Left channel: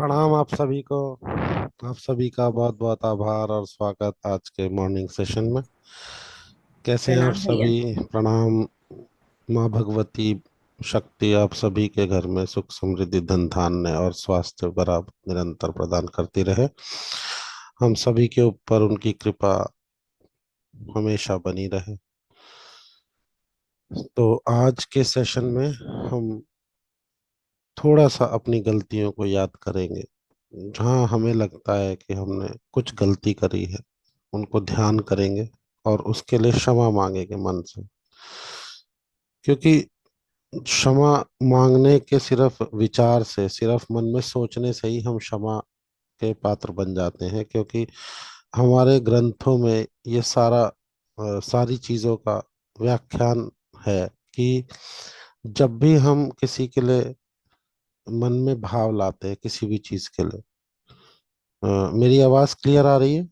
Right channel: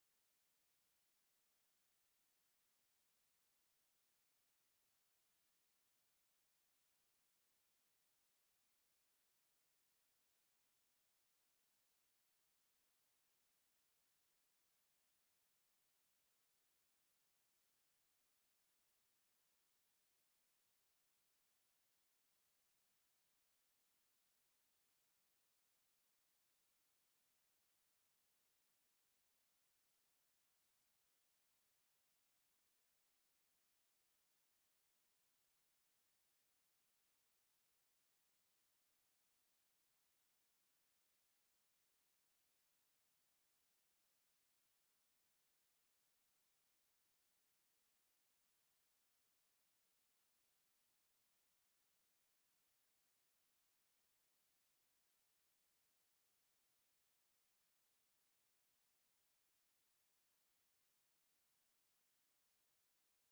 प्रणाम आप सभी को। आप सभी का बहुत बहुत आभार और स्वागत आज के मॉर्निंग सेशन में। कैसे हैं आप प्रणाम भैया। सभी? प्रणाम। माँ भगवती शक्ति आप सभी के घर में सुख समृद्धि धन धान्य और स्वास्थ्य बराबर निरंतर प्रदान करती रहे। हम सभी के ऊपर उनकी कृपा हमेशा बनी रहे। तो आज के सेशन में हम थोड़ा सा अपनी गलतियों को याद करेंगे। जहाँ हमें लगता है कि हमने कुछ गलती करी है उनको ध्यान करेंगे और उसके लिए क्षमा मांगेंगे मन से। क्योंकि क्षमा मांगने के सिर्फ विचार से, सिर्फ मन में सोचने से ही हम क्षमा के पात्र बन जाते हैं। क्योंकि हमारे ग्रंथों में ये सारी चीज़ों का व्याख्यान है कि जब भी हम किसी के लिए मन में भाव लाते हैं किसी भी चीज़ के लिए। मेरी आवाज़ क्लियर आ रही है?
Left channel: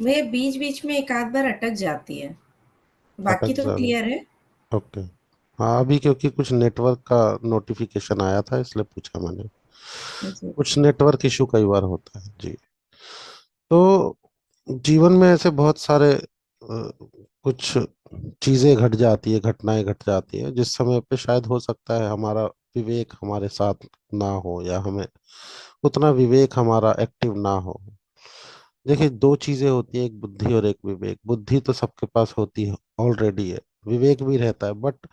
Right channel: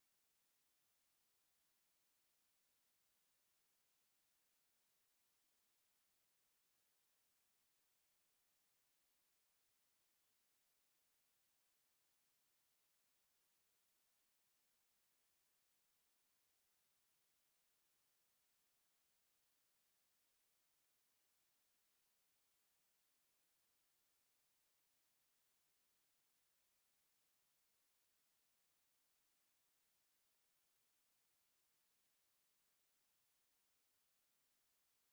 वे बीच बीच में एक आध बार अटक जाती है। बाकी अटक तो जा रही क्लियर है। है। ओके। हाँ, अभी क्योंकि कुछ नेटवर्क का नोटिफिकेशन आया था इसलिए पूछा मैंने। जी। कुछ नेटवर्क इशू कई बार होता है जी। तो जीवन में ऐसे बहुत सारे कुछ चीजें घट जाती है, घटनाएं घट जाती है जिस समय पे शायद हो सकता है हमारा विवेक हमारे साथ ना हो, या हमें उतना विवेक हमारा एक्टिव ना हो। देखिए, दो चीजें होती है, एक बुद्धि और एक विवेक। बुद्धि तो सबके पास होती है, ऑलरेडी है। विवेक भी रहता है, बट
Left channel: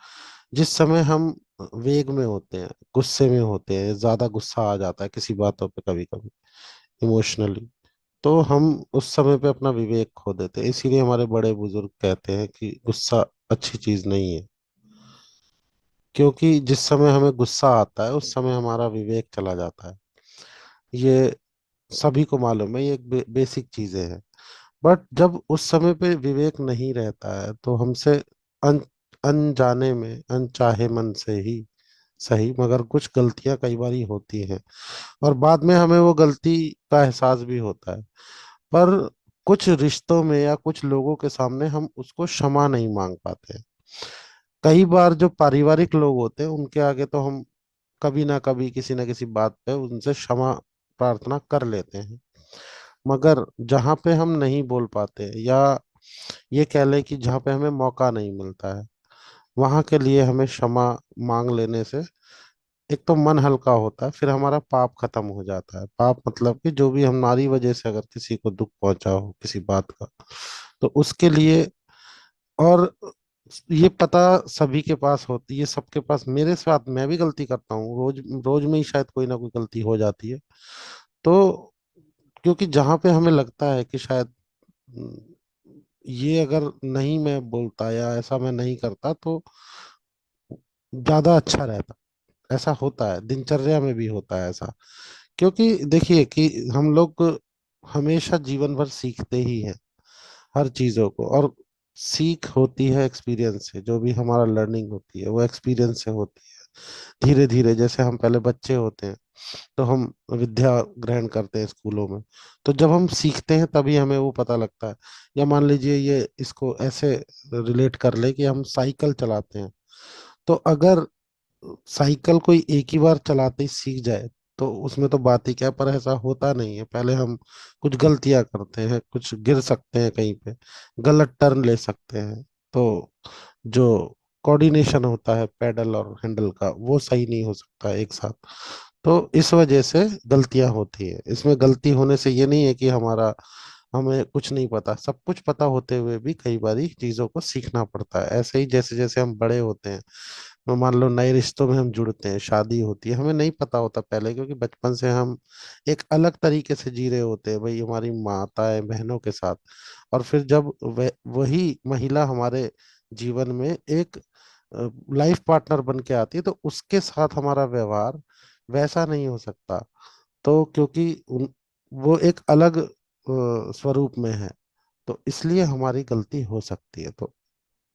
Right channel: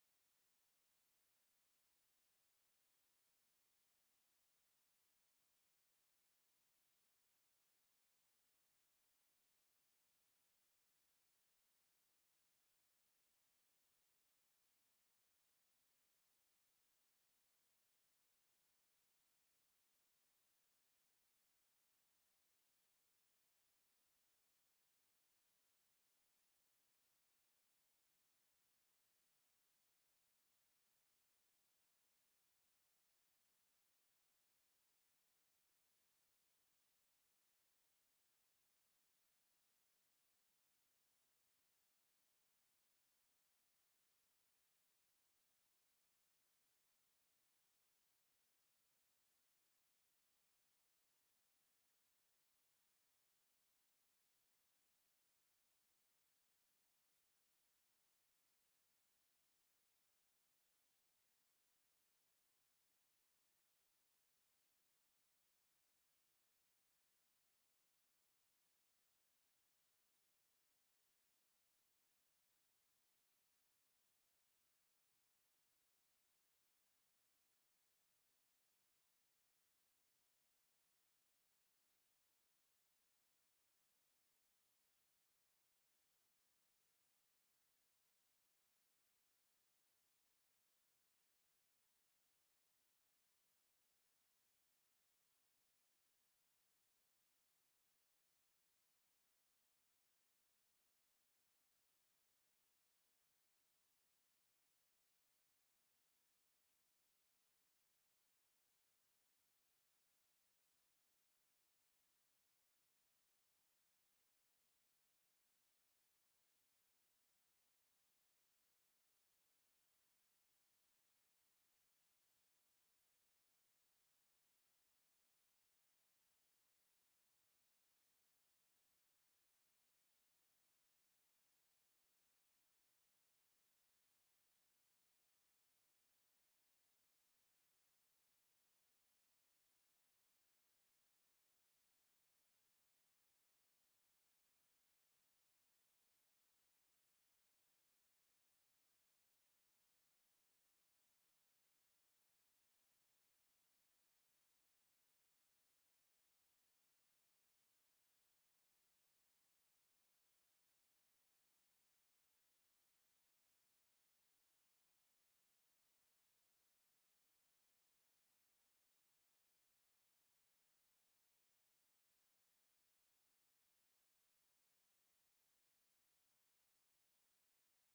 जिस समय हम वेग में होते हैं, गुस्से में होते हैं, ज्यादा गुस्सा आ जाता है किसी बातों पे, कभी कभी इमोशनली, तो हम उस समय पे अपना विवेक खो देते हैं। इसीलिए हमारे बड़े बुजुर्ग कहते हैं कि गुस्सा अच्छी चीज नहीं है। क्योंकि जिस समय हमें गुस्सा आता है उस समय हमारा विवेक चला जाता है। ये सभी को मालूम है, ये एक बेसिक चीजें हैं। बट जब उस समय पे विवेक नहीं रहता है तो हमसे अन अनजाने में, अनचाहे मन से ही सही, मगर कुछ गलतियां कई बार होती हैं और बाद में हमें वो गलती का एहसास भी होता है। पर कुछ रिश्तों में या कुछ लोगों के सामने हम उसको क्षमा नहीं मांग पाते हैं। कई बार जो पारिवारिक लोग होते हैं उनके आगे तो हम कभी ना कभी किसी ना किसी बात पे उनसे क्षमा प्रार्थना कर लेते हैं। मगर जहाँ पे हम नहीं बोल पाते, या ये कह लें कि जहाँ पे हमें मौका नहीं मिलता है, वहां के लिए हमें क्षमा मांग लेने से एक तो मन हल्का होता है, फिर हमारा पाप खत्म हो जाता है। पाप मतलब कि जो भी हमारी वजह से अगर किसी को दुख पहुंचा हो किसी बात का, तो उसके लिए। और ये पता सभी के पास होती है, सबके पास। मेरे साथ मैं भी गलती करता हूँ, रोज रोज में ही शायद कोई ना कोई गलती हो जाती है। तो क्योंकि जहाँ पे हमें लगता है कि शायद ये अगर नहीं मैं बोलता या ऐसा मैं नहीं करता तो ज्यादा अच्छा रहता। ऐसा होता है, दिनचर्या में भी होता है ऐसा। क्योंकि देखिए कि हम लोग हमेशा जीवन भर सीखते ही हैं हर चीजों को, और सीख होती है एक्सपीरियंस से। जो भी हमारा लर्निंग होती है वो एक्सपीरियंस से होती है। धीरे धीरे, जैसे हम पहले बच्चे होते हैं तो हम विद्या ग्रहण करते हैं स्कूलों में, तो जब हम सीखते हैं तभी हमें वो पता लगता है। या मान लीजिए, ये इसको ऐसे रिलेट कर ले कि हम साइकिल चलाते हैं। तो अगर साइकिल कोई एक ही बार चलाते ही सीख जाए तो उसमें तो बात ही क्या है, पर ऐसा होता नहीं है। पहले हम कुछ गलतियां करते हैं, कुछ गिर सकते हैं कहीं पे, गलत टर्न ले सकते हैं। तो जो कोऑर्डिनेशन होता है पेडल और हैंडल का, वो सही नहीं हो सकता एक साथ। तो इस वजह से गलतियां होती है। इसमें गलती होने से ये नहीं है कि हमें कुछ नहीं पता। सब कुछ पता होते हुए भी कई बारी चीजों को सीखना पड़ता है। ऐसे ही जैसे जैसे हम बड़े होते हैं, तो मान लो नए रिश्तों में हम जुड़ते हैं, शादी होती है, हमें नहीं पता होता पहले, क्योंकि बचपन से हम एक अलग तरीके से जी रहे होते हैं भाई, हमारी माताएं बहनों के साथ। और फिर जब वही महिला हमारे जीवन में एक लाइफ पार्टनर बन के आती है तो उसके साथ हमारा व्यवहार वैसा नहीं हो सकता। तो क्योंकि वो एक अलग स्वरूप में है, तो इसलिए हमारी गलती हो सकती है। तो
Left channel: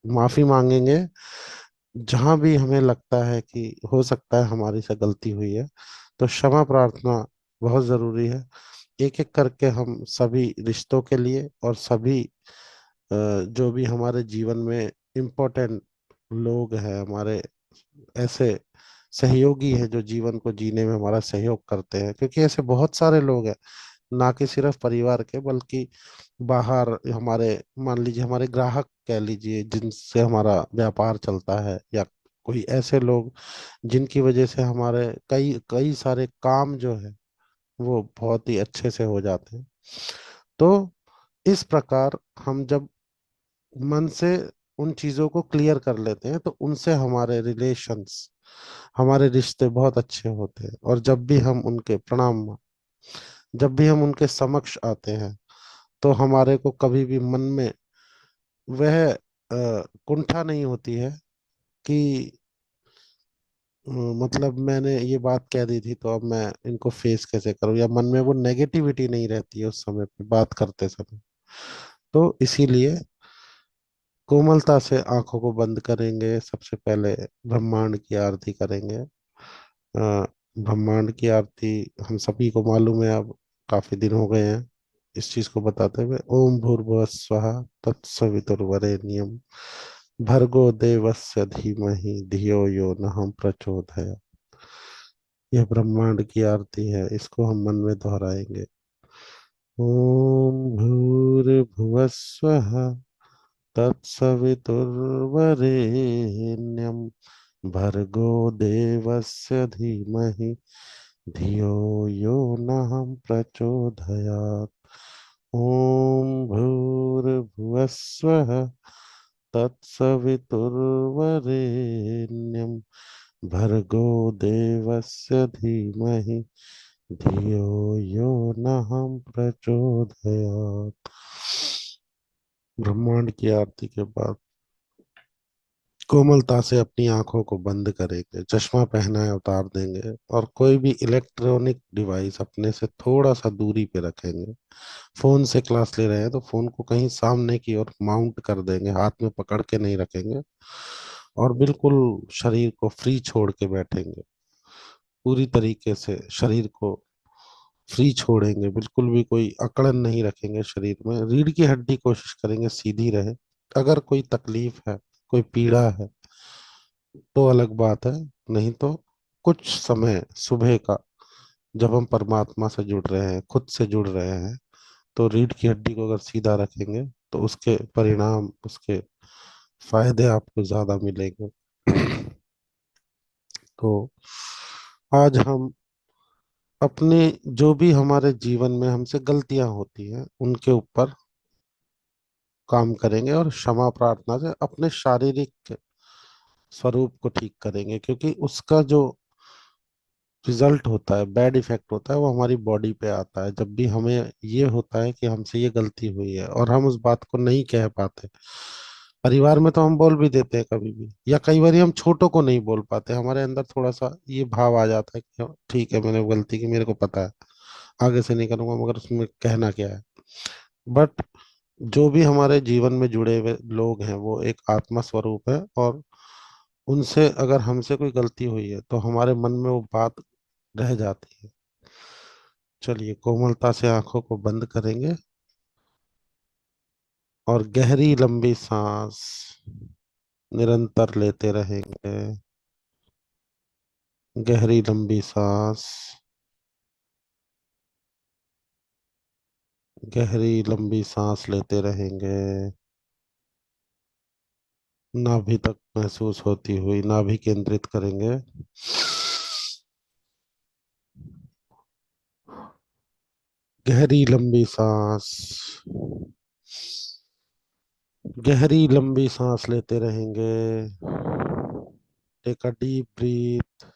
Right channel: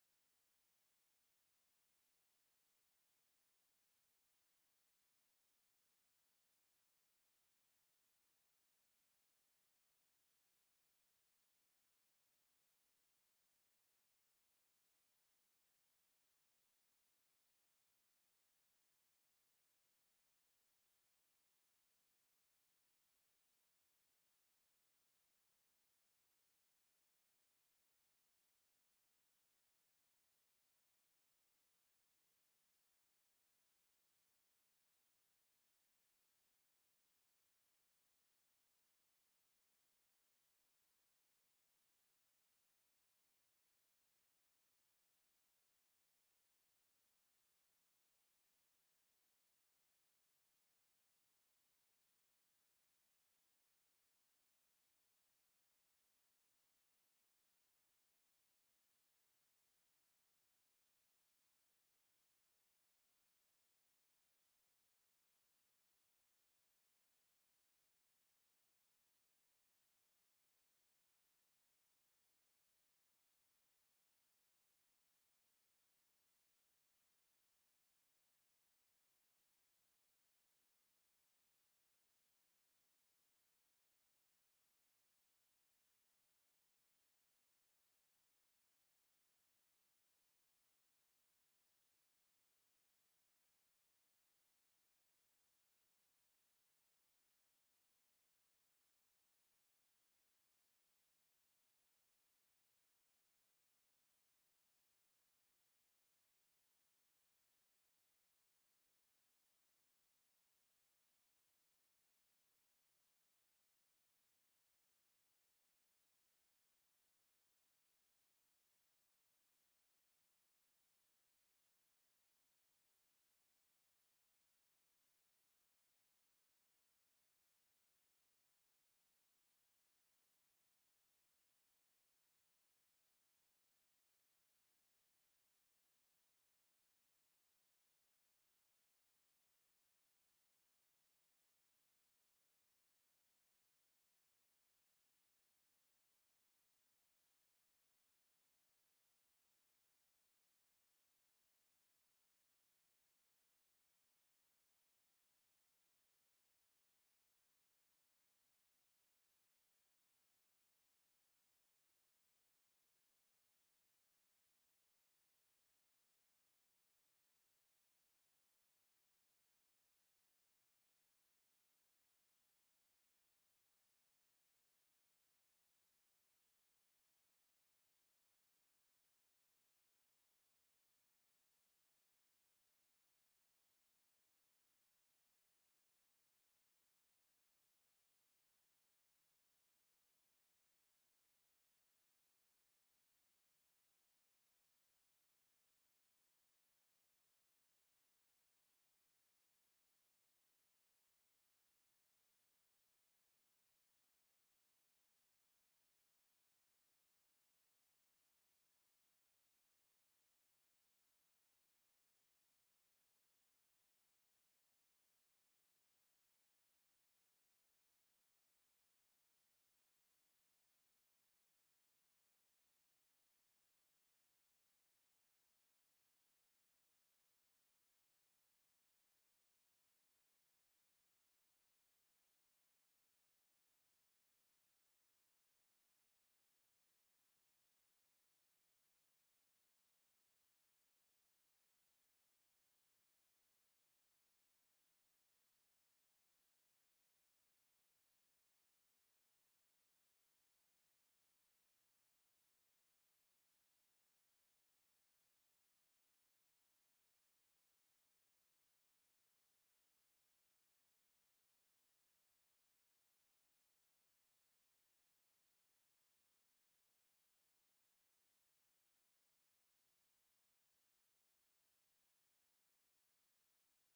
माफी मांगेंगे। जहां भी हमें लगता है कि हो सकता है हमारी से गलती हुई है, तो क्षमा प्रार्थना बहुत जरूरी है। एक एक करके हम सभी रिश्तों के लिए और सभी जो भी हमारे जीवन में इम्पोर्टेंट लोग हैं, हमारे ऐसे सहयोगी है, जो जीवन को जीने में हमारा सहयोग करते हैं, क्योंकि ऐसे बहुत सारे लोग हैं, ना कि सिर्फ परिवार के, बल्कि बाहर हमारे, मान लीजिए हमारे ग्राहक कह लीजिए, जिनसे हमारा व्यापार चलता है, या कोई ऐसे लोग जिनकी वजह से हमारे कई कई सारे काम जो है वो बहुत ही अच्छे से हो जाते हैं। तो इस प्रकार हम जब मन से उन चीजों को क्लियर कर लेते हैं, तो उनसे हमारे रिलेशंस, हमारे रिश्ते बहुत अच्छे होते हैं। और जब भी हम उनके समक्ष आते हैं, तो हमारे को कभी भी मन में वह कुंठा नहीं होती है कि मतलब मैंने ये बात कह दी थी, तो अब मैं इनको फेस कैसे करूं, या मन में वो नेगेटिविटी नहीं रहती है उस समय पे बात करते समय। तो इसीलिए कोमलता से आंखों को बंद करेंगे, सबसे पहले ब्रह्मांड की आरती करेंगे। ब्रह्मांड की आरती हम सभी को मालूम है, अब काफी दिन हो गए हैं इस चीज को बताते हुए। ओम भूर्भुवः स्वः तत्सवितुर्वरेण्यम भर्गो देवस्य धीमहि धियो यो नः प्रचोदयात्। यह ब्रह्मांड की आरती है, इसको हम मन में दोहराएंगे। ओम भूर्भुवः स्वः तत्सवितुर्वरेण्यं भर्गो देवस्य धीमहि धियो यो नः प्रचोदयात्। ओम भूर्भुवः स्वः तत्सवितुर्वरेण्यं भर्गो देवस्य धीमहि धियो यो नः प्रचोदयात्। ब्रह्मांड की आरती के बाद कोमलता से अपनी आंखों को बंद करेंगे, चश्मा पहना है उतार देंगे, और कोई भी इलेक्ट्रॉनिक डिवाइस अपने से थोड़ा सा दूरी पे रखेंगे। फोन से क्लास ले रहे हैं तो फोन को कहीं सामने की ओर माउंट कर देंगे, हाथ में पकड़ के नहीं रखेंगे, और बिल्कुल शरीर को फ्री छोड़ के बैठेंगे। पूरी तरीके से शरीर को फ्री छोड़ेंगे, बिल्कुल भी कोई अकड़न नहीं रखेंगे शरीर में। रीढ़ की हड्डी कोशिश करेंगे सीधी रहे। अगर कोई तकलीफ है, कोई पीड़ा है, तो अलग बात है, नहीं तो कुछ समय सुबह का, जब हम परमात्मा से जुड़ रहे हैं, खुद से जुड़ रहे हैं, तो रीढ़ की हड्डी को अगर सीधा रखेंगे, तो उसके परिणाम, उसके फायदे आपको ज्यादा मिलेंगे। तो आज हम अपने, जो भी हमारे जीवन में हमसे गलतियां होती हैं, उनके ऊपर काम करेंगे, और क्षमा प्रार्थना से अपने शारीरिक स्वरूप को ठीक करेंगे, क्योंकि उसका जो रिजल्ट होता है, बैड इफेक्ट होता है, वो हमारी बॉडी पे आता है। जब भी हमें ये होता है कि हमसे ये गलती हुई है और हम उस बात को नहीं कह पाते, परिवार में तो हम बोल भी देते हैं कभी भी, या कई बार हम छोटों को नहीं बोल पाते, हमारे अंदर थोड़ा सा ये भाव आ जाता है कि हाँ, ठीक है मैंने गलती की, मेरे को पता है, आगे से नहीं करूंगा, मगर उसमें कहना क्या है। बट जो भी हमारे जीवन में जुड़े हुए लोग हैं, वो एक आत्मा स्वरूप है, और उनसे अगर हमसे कोई गलती हुई है, तो हमारे मन में वो बात रह जाती है। चलिए कोमलता से आंखों को बंद करेंगे, और गहरी लंबी सांस निरंतर लेते रहेंगे। गहरी लंबी सांस, गहरी लंबी सांस लेते रहेंगे। नाभि तक महसूस होती हुई, नाभि केंद्रित करेंगे। गहरी लंबी सांस, गहरी लंबी सांस लेते रहेंगे। टेक अ डीप ब्रीथ,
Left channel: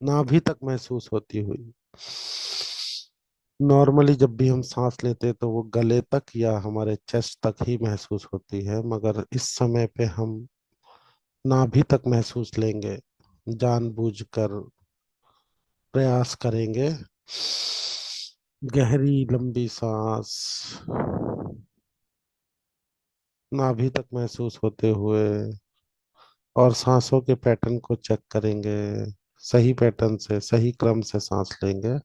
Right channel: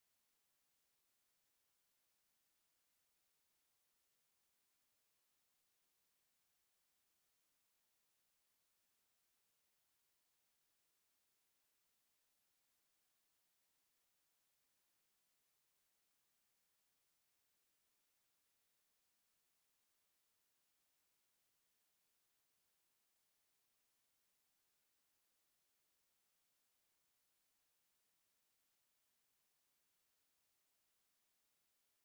नाभि तक महसूस होती हुई। नॉर्मली जब भी हम सांस लेते हैं, तो वो गले तक या हमारे चेस्ट तक ही महसूस होती है, मगर इस समय पे हम नाभि तक महसूस लेंगे, जानबूझकर प्रयास करेंगे। गहरी लंबी सांस नाभि तक महसूस होते हुए, और सांसों के पैटर्न को चेक करेंगे। सही पैटर्न से, सही क्रम से सांस लेंगे।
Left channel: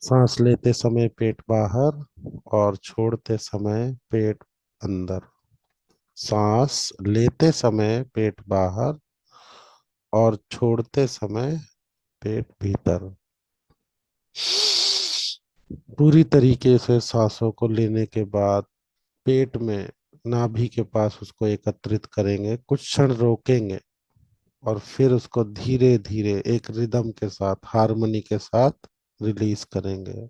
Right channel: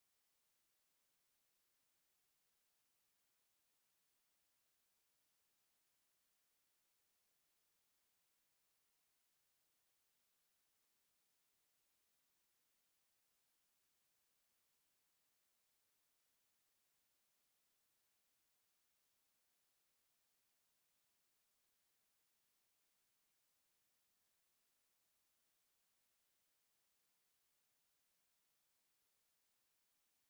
सांस लेते समय पेट बाहर, और छोड़ते समय पेट अंदर। सांस लेते समय पेट बाहर, और छोड़ते समय पेट भीतर। पूरी तरीके से सांसों को लेने के बाद पेट में, नाभि के पास उसको एकत्रित करेंगे, कुछ क्षण रोकेंगे और फिर उसको धीरे धीरे एक रिदम के साथ, हारमोनी के साथ रिलीज करेंगे।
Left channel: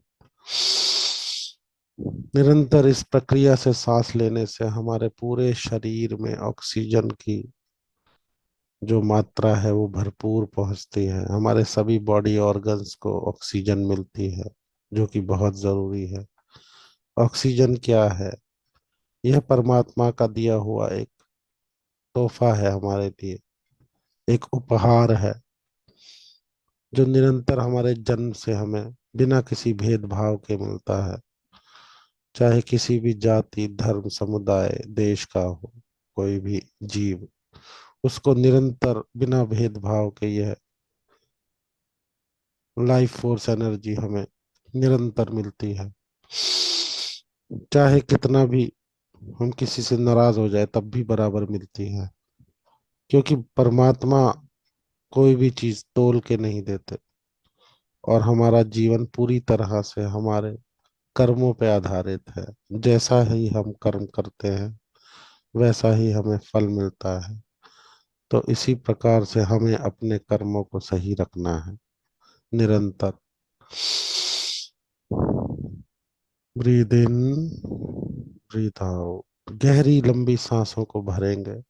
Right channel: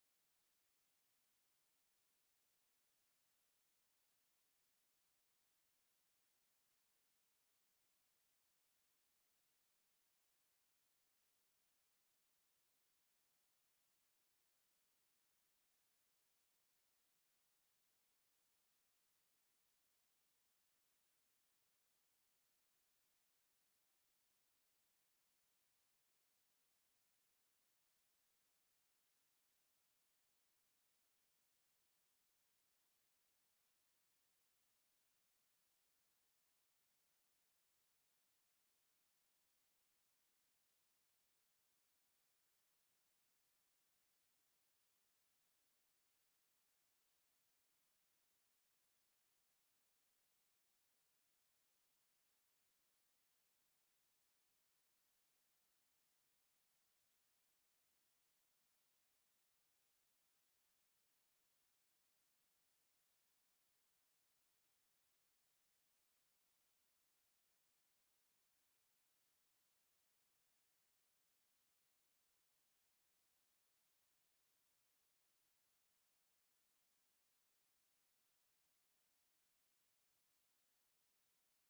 निरंतर इस प्रक्रिया से सांस लेने से हमारे पूरे शरीर में ऑक्सीजन की जो मात्रा है वो भरपूर पहुंचती है। हमारे सभी बॉडी ऑर्गन्स को ऑक्सीजन मिलती है, जो कि बहुत जरूरी है। ऑक्सीजन क्या है? यह परमात्मा का दिया हुआ एक तोहफा है हमारे लिए, एक उपहार है, जो निरंतर हमारे जन्म से हमें बिना किसी भेदभाव के मिलता है। चाहे किसी भी जाति, धर्म, समुदाय, देश का हो कोई भी जीव, उसको निरंतर बिना भेदभाव के यह लाइफ फोर्स एनर्जी हमें निरंतर मिलती है। चाहे कितना भी हम किसी से नाराज हो जाए तब भी बराबर मिलती है, क्योंकि परमात्मा कोई भी चीज तोल के नहीं देते। और हमारा जीवन पूरी तरह से हमारे कर्मों पे आधारित है। जैसा ही हम कर्म करते हैं वैसा ही हमें फल मिलता है। तो इसी प्रकार से हमें अपने कर्मों को सही रखना है निरंतर। Breathe in, breathe out. गहरी लंबी सांसों को भरेंगे।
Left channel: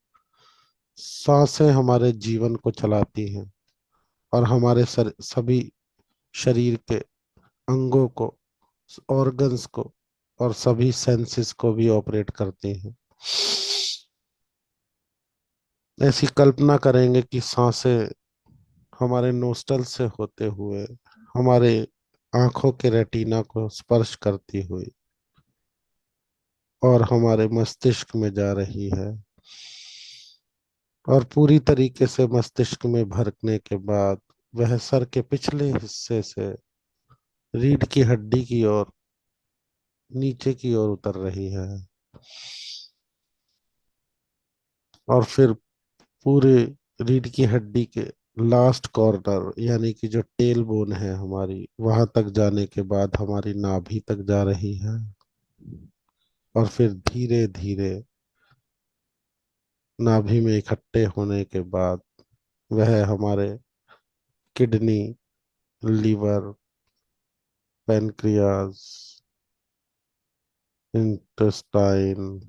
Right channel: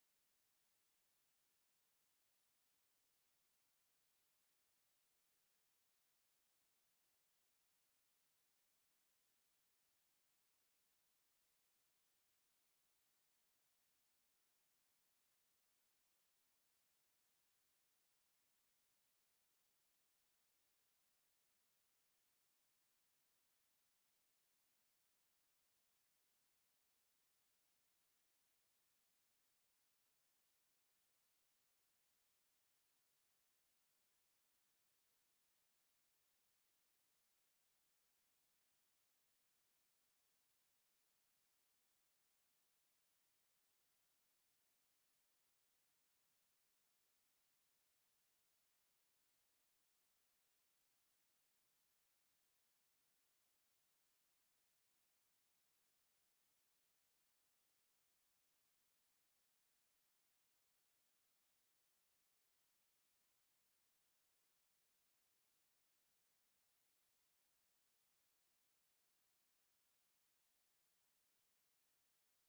सांसें हमारे जीवन को चलाती हैं और हमारे सभी शरीर के अंगों को, ऑर्गन्स को और सभी सेंसेस को भी ऑपरेट करती हैं। ऐसी कल्पना करेंगे कि सांसें हमारे नोस्टल से होते हुए हमारे आंखों के रेटिना को स्पर्श करती हुई और हमारे मस्तिष्क में जा रही है। और पूरी तरीके से मस्तिष्क में भरने के बाद वह सर के पिछले हिस्से से रीढ़ की हड्डी की ओर, नीचे की ओर उतर रही है। और फिर पूरे रीढ़ की हड्डी के लास्ट कॉर्नर, यानी कि जो टेल बोन है हमारी, वहां तक जाने के बाद हमारी नाभि तक जा रही है। और फिर धीरे धीरे नाभि में इकट्ठे होने के बाद वह हमारे kidney, liver, pancreas, intestine,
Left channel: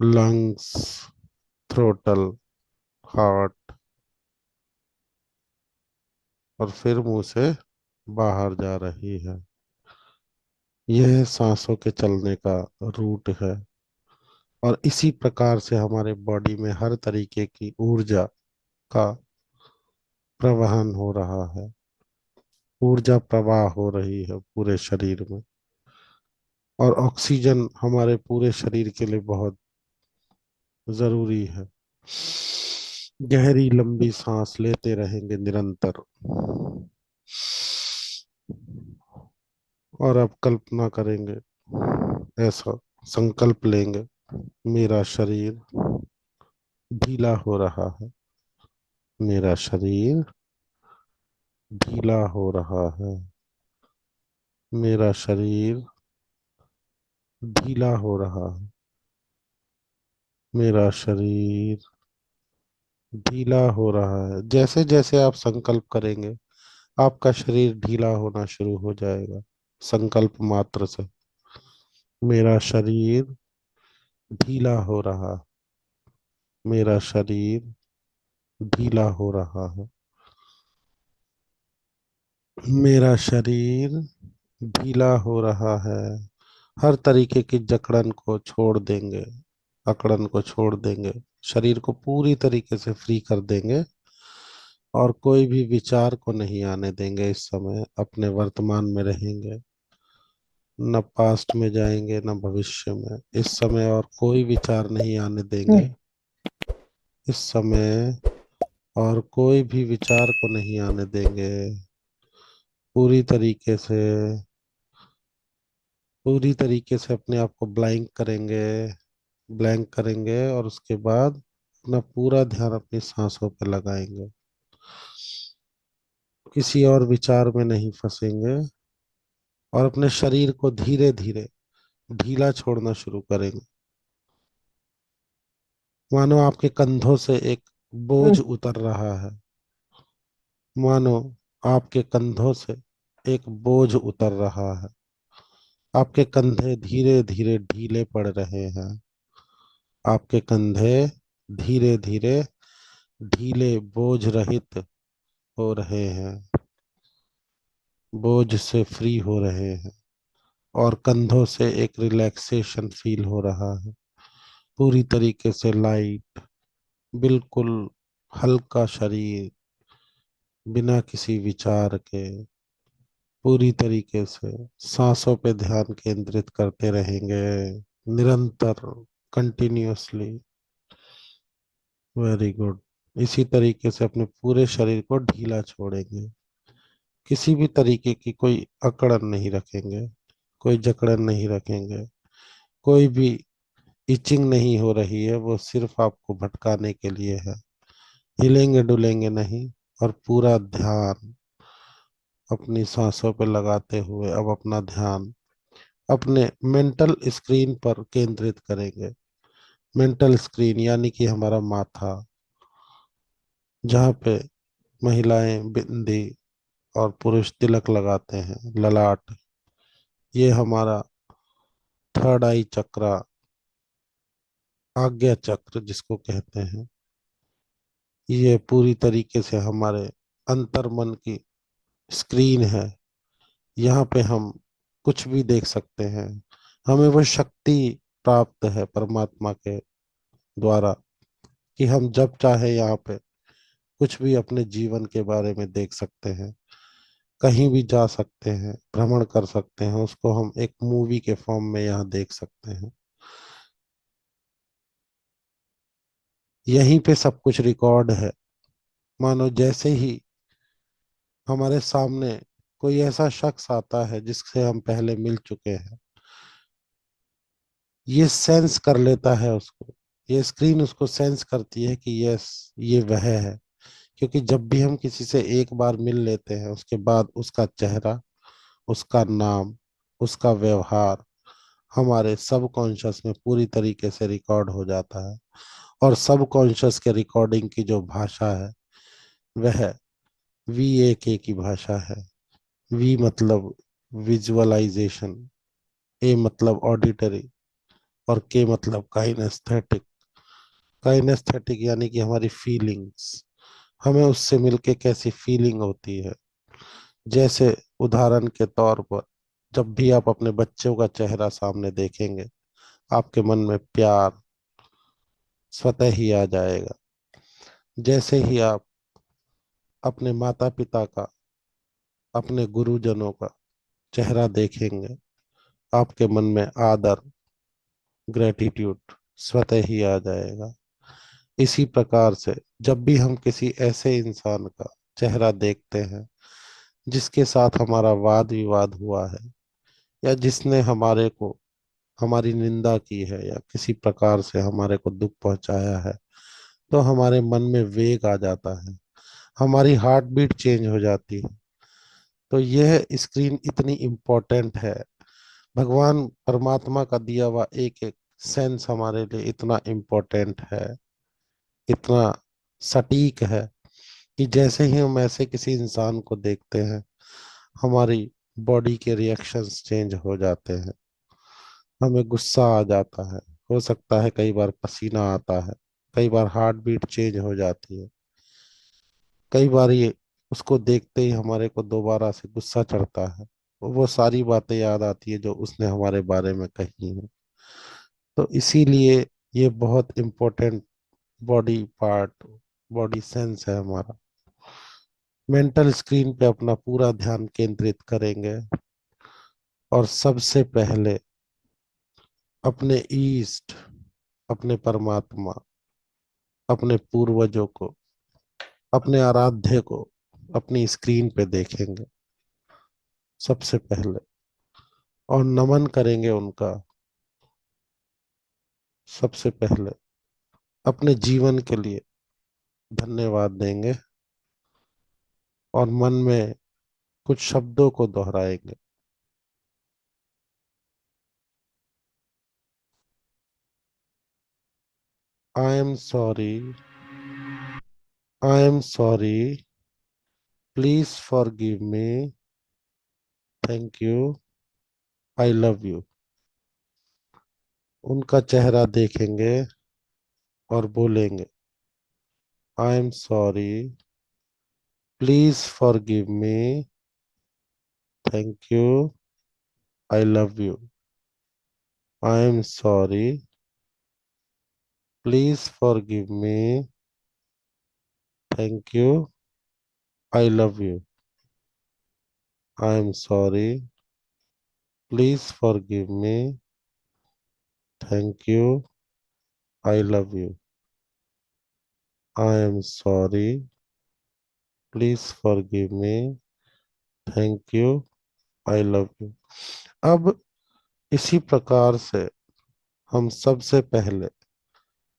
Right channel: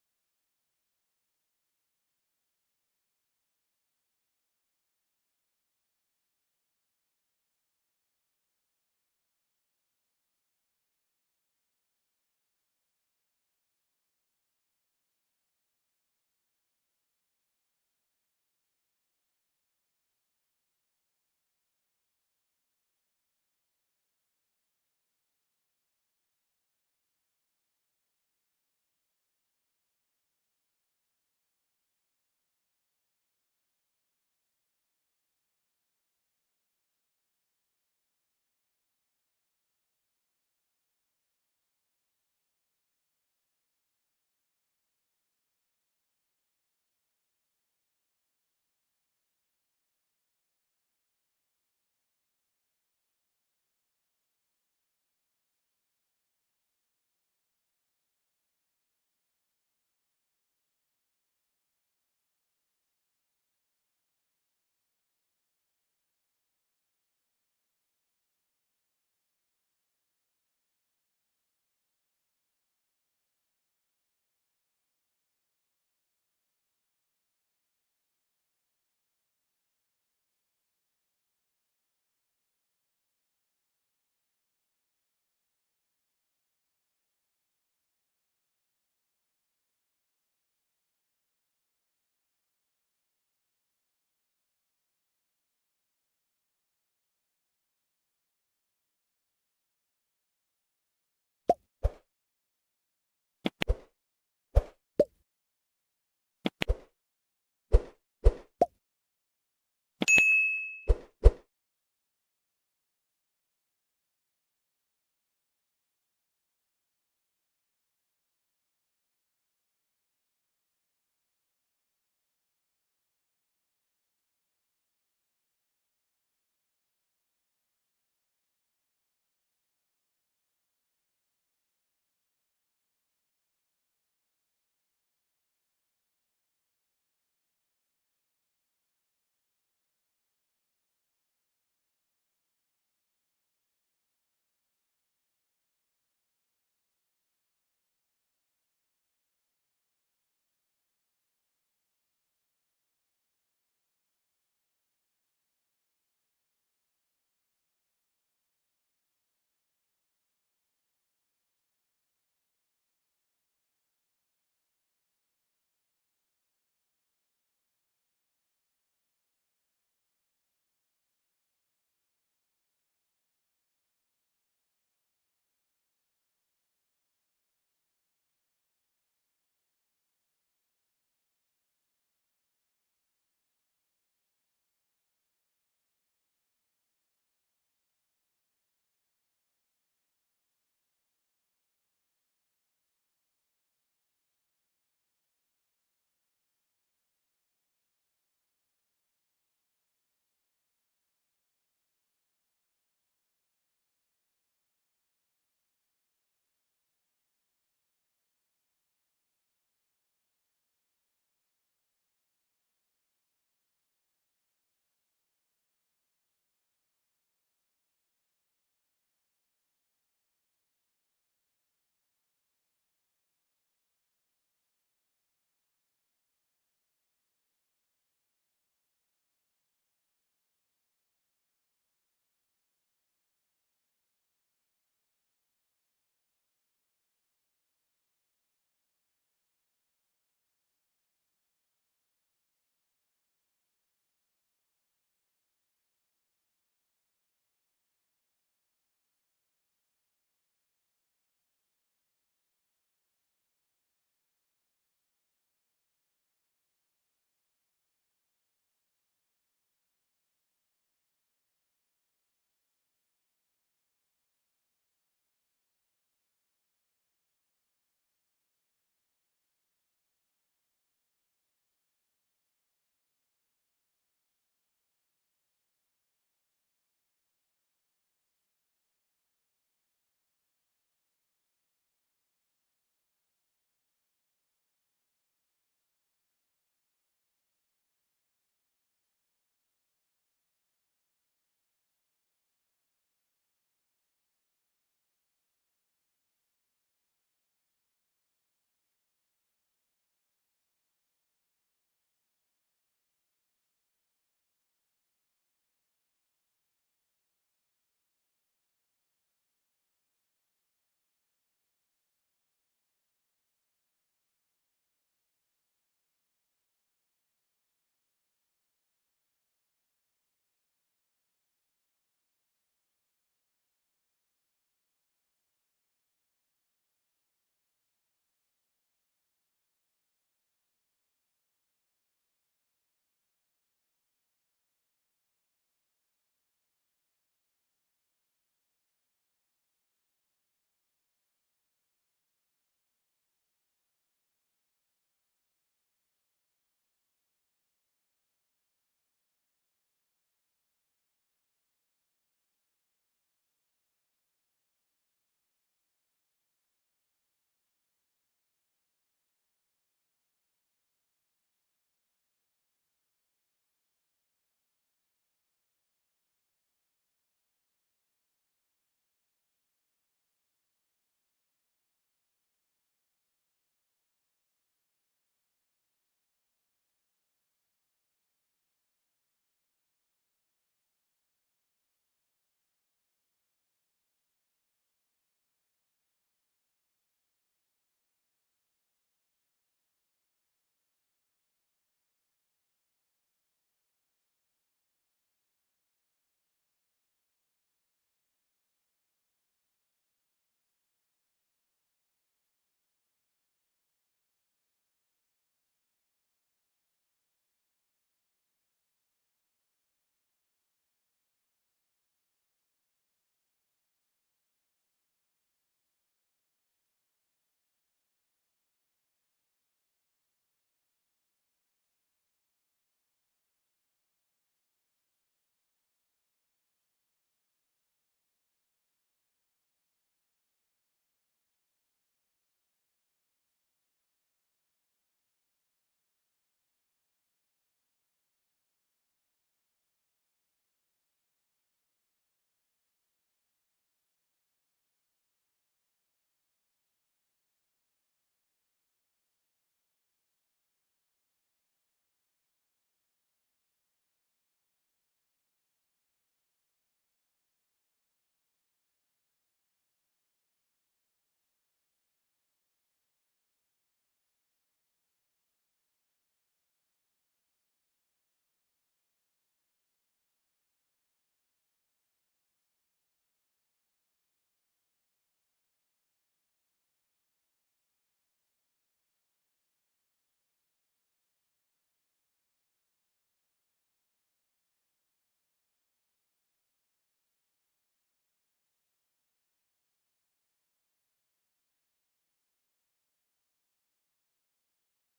lungs, थ्रोटल, हार्ट और फिर मुंह से बाहर जा रही है। यह सांसों के चलने का रूट है। और इसी प्रकार से हमारे बॉडी में हर तरीके की ऊर्जा का प्रवहन हो रहा है। ऊर्जा प्रवाह हो रही है पूरे शरीर में। और ऑक्सीजन हमारे पूरे शरीर के लिए बहुत जरूरी है। गहरी लंबी सांस लेते रहेंगे निरंतर। और अब कल्पना करेंगे, ऐसा संकल्प लेंगे, मेरा शरीर ढीला हो रहा है। मेरा शरीर ढीला हो रहा है। मेरा शरीर ढीला हो रहा है। मेरा शरीर ढीला हो रहा है। जैसे जैसे आप संकल्प करेंगे आपका शरीर ढीला होना शुरू हो जाएगा, संकल्प मात्र से। मेरा शरीर ढीला हो रहा है। मेरा शरीर ढीला हो रहा है। मेरा शरीर ढीला हो रहा है। हर तरीके की जकड़न को छोड़ देंगे, अकड़न को छोड़ देंगे, शरीर को पूरी तरीके से फ्री कर देंगे। और कोई भी विचार को नहीं आने देंगे। इस समय अपने वर्तमान में रहेंगे, न पास्ट में जाएंगे न भविष्य में। इस समय और कोई विचार नहीं आने देंगे। इस समय और कोई भी विचार को नहीं आने देंगे। पूरी तरीके से, पूरी तरीके से अपने आप को ब्लैंक करेंगे। ब्लैंक करेंगे और उसके बाद अपना पूरा ध्यान अपनी सांसों पर लगाएंगे, किसी और विचार में नहीं फंसेंगे, और अपने शरीर को धीरे धीरे ढीला छोड़ना शुरू करेंगे। मानो आपके कंधों से एक बोझ उतर रहा है, मानो आपके कंधों से एक बोझ उतर रहा है, आपके कंधे धीरे धीरे ढीले पड़ रहे हैं, आपके कंधे धीरे धीरे ढीले बोझ रहित हो रहे हैं, बोझ से फ्री हो रहे हैं, और कंधों से एक रिलैक्सेशन फील हो रहा है, पूरी तरीके से लाइट, बिल्कुल हल्का शरीर, बिना किसी विचार के, पूरी तरीके से सांसों पे ध्यान केंद्रित करते रहेंगे, निरंतर, कंटिन्यूअसली। Very good. इसी तरीके से अपने पूरे शरीर को ढीला छोड़ेंगे, किसी भी तरीके की कोई अकड़न नहीं रखेंगे, कोई जकड़न नहीं रखेंगे, कोई भी इचिंग नहीं हो रही है, वो सिर्फ आपको भटकाने के लिए है। हिलेंगे डुलेंगे नहीं, और पूरा ध्यान अपनी सांसों पर लगाते हुए अब अपना ध्यान अपने मेंटल स्क्रीन पर केंद्रित करेंगे। मेंटल स्क्रीन यानी कि हमारा माथा, जहाँ पे महिलाएं बिंदी और पुरुष तिलक लगाते हैं, ललाट, ये हमारा थर्ड आई चक्रा, आज्ञा चक्र जिसको कहते हैं, ये पूरी तरीके से हमारे अंतर मन की स्क्रीन है। यहाँ पे हम कुछ भी देख सकते हैं, हमें वो शक्ति प्राप्त है परमात्मा के द्वारा, कि हम जब चाहे यहाँ पे कुछ भी अपने जीवन के बारे में देख सकते हैं, कहीं भी जा सकते हैं, भ्रमण कर सकते हैं, उसको हम एक मूवी के फॉर्म में यहाँ देख सकते हैं। यहीं पे सब कुछ रिकॉर्ड है। मानो जैसे ही हमारे सामने कोई ऐसा शख्स आता है जिससे हम पहले मिल चुके हैं, ये सेंस कर लेता है उसको, ये स्क्रीन उसको सेंस करती है कि यस, ये वह है। क्योंकि जब भी हम किसी से एक बार मिल लेते हैं, उसके बाद उसका चेहरा, उसका नाम, उसका व्यवहार हमारे सब कॉन्शियस में पूरी तरीके से रिकॉर्ड हो जाता है। और सब कॉन्शियस के रिकॉर्डिंग की जो भाषा है, वह VAK की भाषा है। वी मतलब विजुअलाइजेशन, ए मतलब ऑडिटरी, और के मतलब काइनेस्थेटिक। काइनेस्थेटिक यानी कि हमारी फीलिंग्स, हमें उससे मिलके कैसी फीलिंग होती है। जैसे उदाहरण के तौर पर, जब भी आप अपने बच्चों का चेहरा सामने देखेंगे, आपके मन में प्यार स्वतः ही आ जाएगा। जैसे ही आप अपने माता पिता का, अपने गुरुजनों का चेहरा देखेंगे, आपके मन में आदर, ग्रेटिट्यूड स्वतः ही आ जाएगा। इसी प्रकार से जब भी हम किसी ऐसे इंसान का चेहरा देखते हैं जिसके साथ हमारा वाद विवाद हुआ है, या जिसने हमारे को, हमारी निंदा की है, या किसी प्रकार से हमारे को दुख पहुंचाया है, तो हमारे मन में वेग आ जाता है, हमारी हार्ट बीट चेंज हो जाती है। तो यह स्क्रीन इतनी इम्पोर्टेंट है, भगवान परमात्मा का दिया हुआ एक एक सेंस हमारे लिए इतना इम्पोर्टेंट है, इतना सटीक है, कि जैसे ही हम ऐसे किसी इंसान को देखते हैं, हमारी बॉडी के रिएक्शंस चेंज हो जाते हैं, हमें गुस्सा आ जाता है, हो सकता है कई बार पसीना आता है, कई बार हार्ट बीट चेंज हो जाती है, कई बार ये उसको देखते ही हमारे को दोबारा से गुस्सा चढ़ता है, वो सारी बातें याद आती है जो उसने हमारे बारे में कही हैं। तो इसीलिए ये बहुत important body part, body sense है हमारा। मेंटल स्क्रीन पे अपना पूरा ध्यान केंद्रित करेंगे, और सबसे पहले अपने ईस्ट, अपने परमात्मा, अपने पूर्वजों को, अपने आराध्य को अपनी स्क्रीन पे देखेंगे सबसे पहले, और नमन करेंगे उनका सबसे पहले। अपने जीवन के लिए धन्यवाद देंगे और मन में कुछ शब्दों को दोहराएंगे। आई am sorry, I am sorry, please forgive me, thank you, I love you. उनका चेहरा देखेंगे और बोलेंगे, I am sorry, please forgive me, thank you, I love you. I am sorry, please forgive me, thank you, I love you. I am sorry, please forgive me, thank you, I love you. I am sorry, please forgive me, thank you, I love you. अब इसी प्रकार से हम सबसे पहले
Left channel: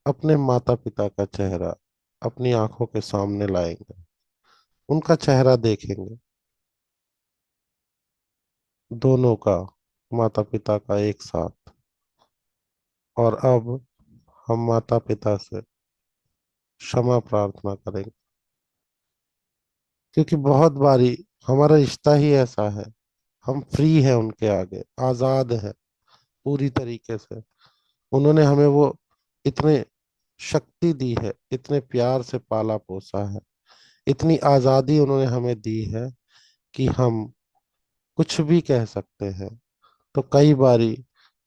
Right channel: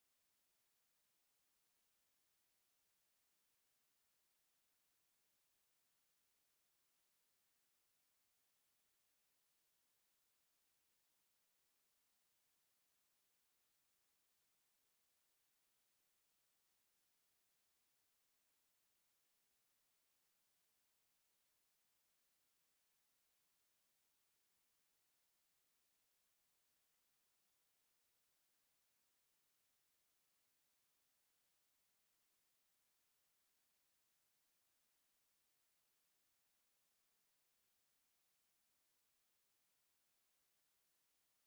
अपने माता पिता का चेहरा अपनी आंखों के सामने लाएंगे, उनका चेहरा देखेंगे, दोनों का, माता पिता का एक साथ। और अब हम माता पिता से क्षमा प्रार्थना करेंगे, क्योंकि बहुत बारी हमारा रिश्ता ही ऐसा है, हम फ्री है उनके आगे, आजाद है पूरी तरीके से। उन्होंने हमें वो इतने शक्ति दी है, इतने प्यार से पाला पोसा है, इतनी आजादी उन्होंने हमें दी है कि हम कुछ भी कह सकते हैं। तो कई बारी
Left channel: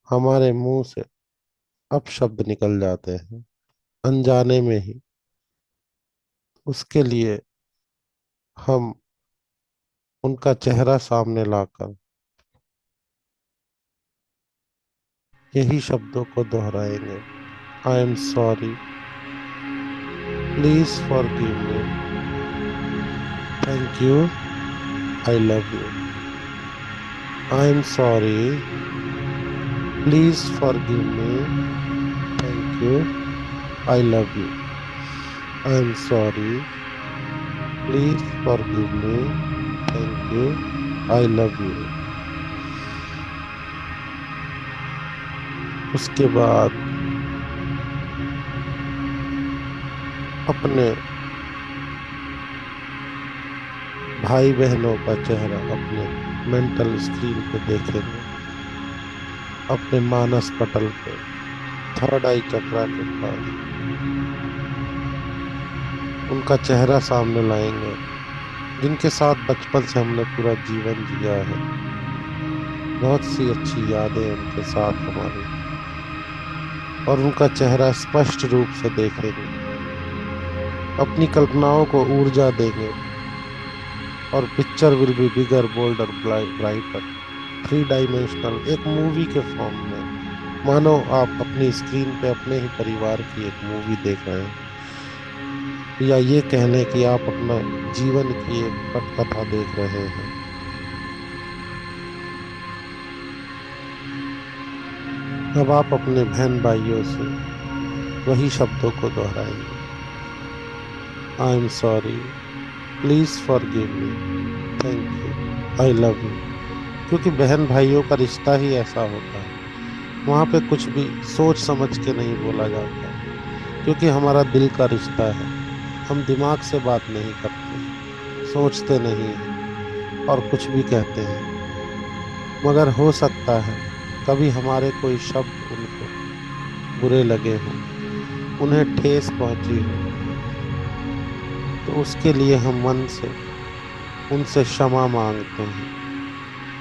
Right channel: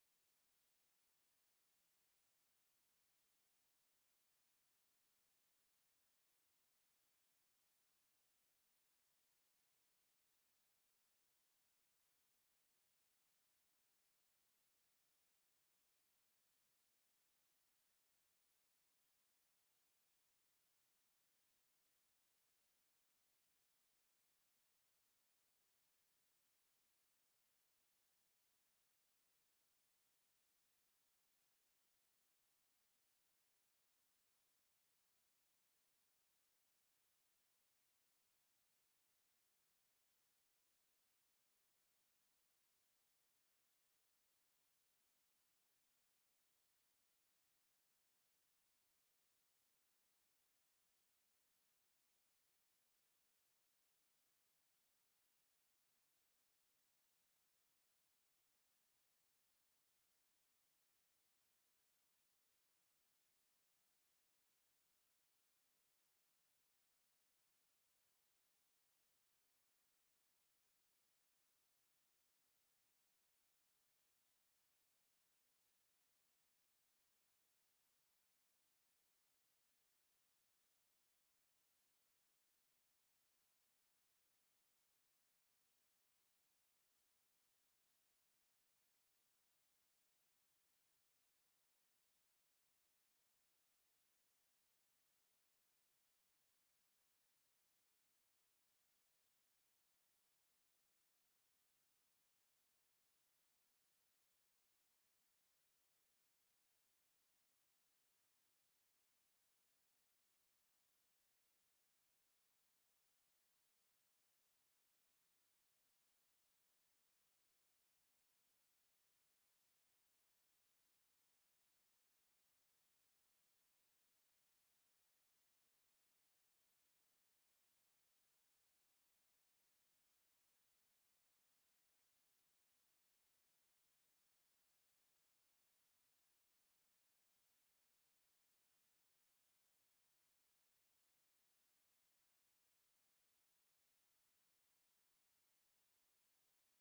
हमारे मुंह से अपशब्द निकल जाते हैं अनजाने में ही। उसके लिए हम उनका चेहरा सामने लाकर यही शब्दों को दोहराएंगे, आई am sorry, please forgive me, thank you, I love you. I am sorry, please forgive me, thank you, I love you. I am sorry, please forgive me, thank you, I love you. उसके बाद अपने भाई बहनों का चेहरा अपने mental screen पे देखेंगे, अपने मानस पटल पे, थर्ड आई चक्रा के पास उनका चेहरा सामने लाएंगे, जिनके साथ बचपन से हमने पूरा जीवन जिया है। बहुत सी अच्छी यादें उनके साथ हमारी। और उनका चेहरा स्पष्ट रूप से देखेंगे, अपनी कल्पनाओं को ऊर्जा देंगे, और picture will be bigger boulder brighter, three dimensional, एक मूवी के फॉर्म में। मानो आप अपनी स्क्रीन पे अपने ही परिवार की एक मूवी देख रहे हैं, या ये कह लें कि आप अपना जीवन की एक पटकथा देख रहे हैं। अब आप अपने बहन भाइयों से वही शब्दों को दोहराएंगे, आई am sorry, please forgive me, thank you, I love you. क्योंकि बहन भाइयों का रिश्ता ही ऐसा होता है, वहां पे कुछ भी सोच समझ के नहीं बोला जाता है, क्योंकि हमारा दिल का रिश्ता है। हम दिमाग से बात नहीं करते हैं, सोचते नहीं हैं, और कुछ भी कहते हैं। मगर हो सकता है कभी हमारे कोई शब्द उनको बुरे लगे हों, उन्हें ठेस पहुंची हो, तो उसके लिए हम मन से उनसे क्षमा मांगते हैं,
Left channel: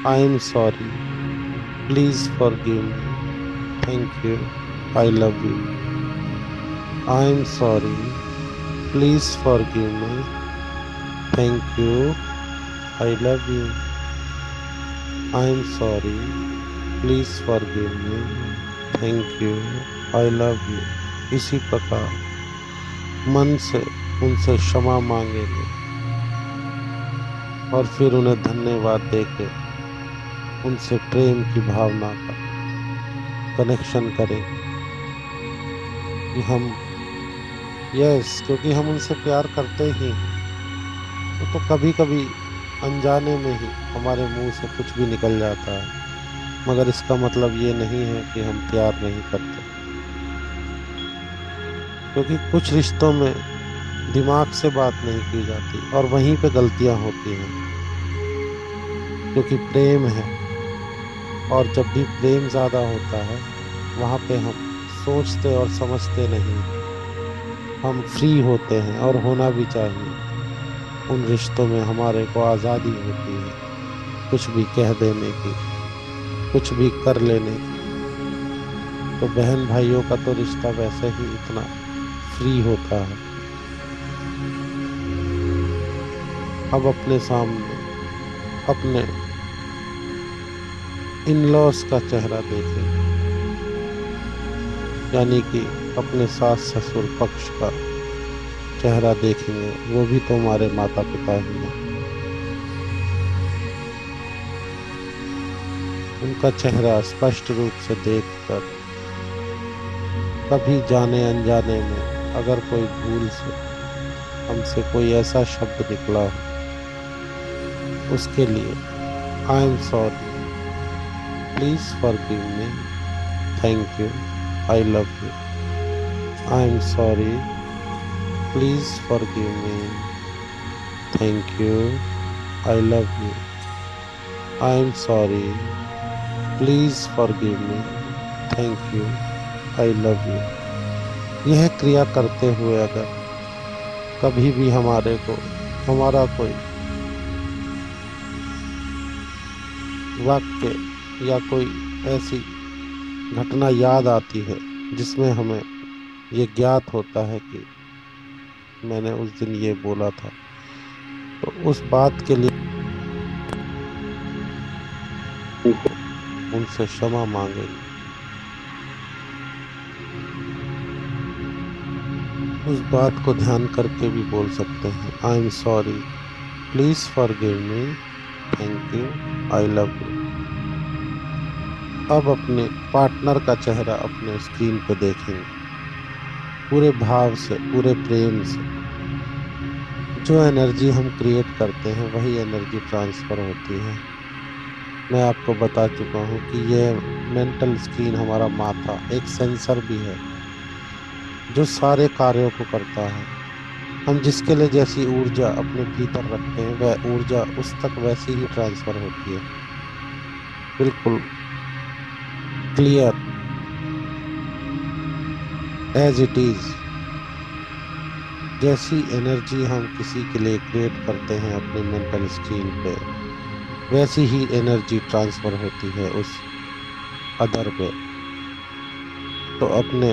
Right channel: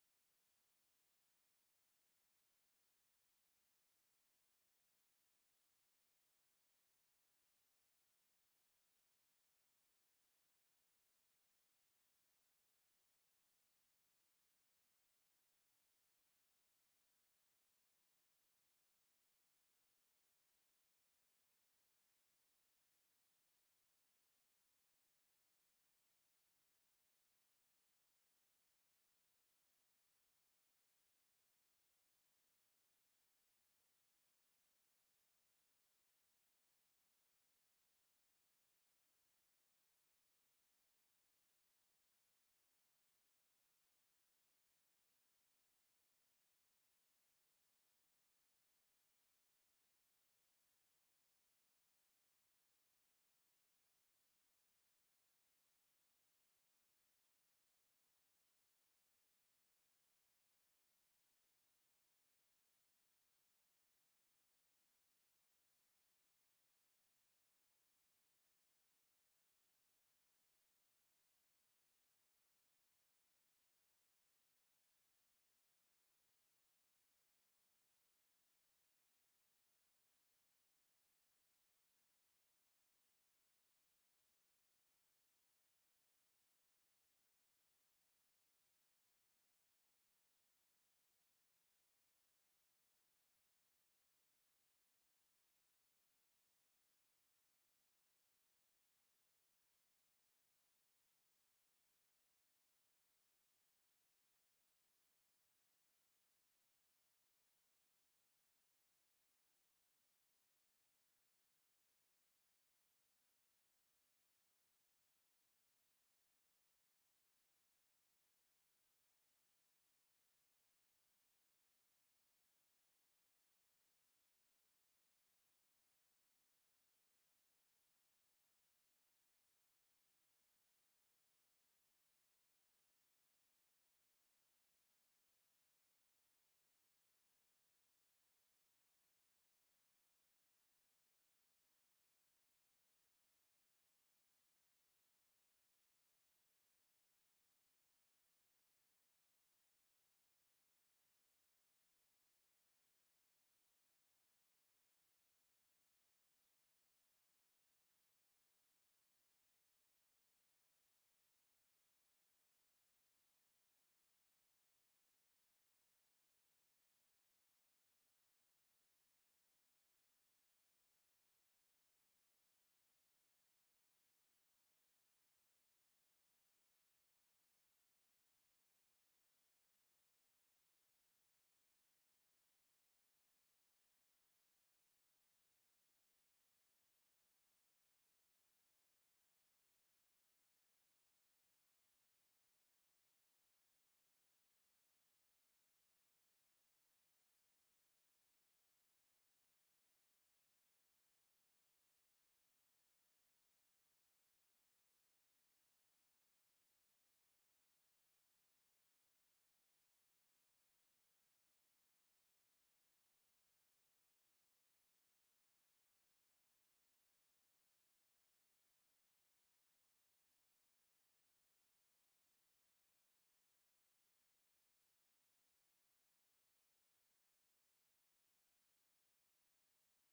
आई am sorry, please forgive me, thank you, I love you. I am sorry, please forgive me, thank you, I love you. I am sorry, please forgive me, thank you, I love you. इसी प्रकार मन से उनसे क्षमा मांगेंगे, और फिर उन्हें धन्यवाद देके उनसे प्रेम की भावना का कनेक्शन करेंगे कि हम यस, क्योंकि हम उनसे प्यार करते ही हैं। वो तो कभी कभी अनजाने में ही हमारे मुंह से कुछ भी निकल जाता है, मगर इसका मतलब ये नहीं है कि हम प्यार नहीं करते। क्योंकि कुछ रिश्तों में दिमाग से बात नहीं की जाती और वहीं पे गलतियां होती हैं, क्योंकि प्रेम है। और जब भी प्रेम ज्यादा होता है, वहां पे हम सोचते और समझते नहीं हैं। हम फ्री होते हैं और होना भी चाहिए। उन रिश्तों में हमारे को आजादी होती है, कुछ भी कह देने की, कुछ भी कर लेने की। तो बहन भाइयों का तो रिश्ता वैसे ही इतना फ्री होता है। अब अपने सामने अपने इन लॉस का चेहरा देखेंगे, यानी कि अपने सास ससुर पक्ष का चेहरा देखेंगे। वो भी तो हमारे माता पिता ही हैं। उनका चेहरा स्पष्ट रूप से देखकर, कभी जाने अनजाने में अगर कोई भूल से हमसे कोई ऐसा शब्द निकला हो, उसके लिए आई am sorry, please forgive me, thank you, I love you. I am sorry, please forgive me, thank you, I love you. I am sorry, please forgive me, thank you, I love you. यह क्रिया करते हुए अगर कभी भी हमारे को हमारा कोई वाक्य या कोई ऐसी घटना याद आती है जिसमें हमें ये ज्ञात होता है कि मैंने उस दिन ये बोला था, तो उस बात के लिए उनसे क्षमा मांगेंगे। उस बात को ध्यान करके भी बोल सकते हैं, आई am sorry, please forgive me, thank you, I love you. अब अपने पार्टनर का चेहरा अपने स्क्रीन पे देखेंगे, पूरे भाव से, पूरे प्रेम से। जो एनर्जी हम क्रिएट करते हैं वही एनर्जी ट्रांसफर होती है। मैं आपको बता चुका हूँ कि यह मेंटल स्क्रीन, हमारा माथा एक सेंसर भी है जो सारे कार्यों को करता है। हम जिसके लिए जैसी ऊर्जा अपने भीतर रखते हैं, वह ऊर्जा उस तक वैसी ही ट्रांसफर होती है। बिल्कुल क्लियर, एज इट इज। जैसी एनर्जी हम किसी के लिए क्रिएट करते हैं अपनी मेंटल स्क्रीन पे, वैसी ही एनर्जी ट्रांसफर होती है उस अदर पे। तो अपने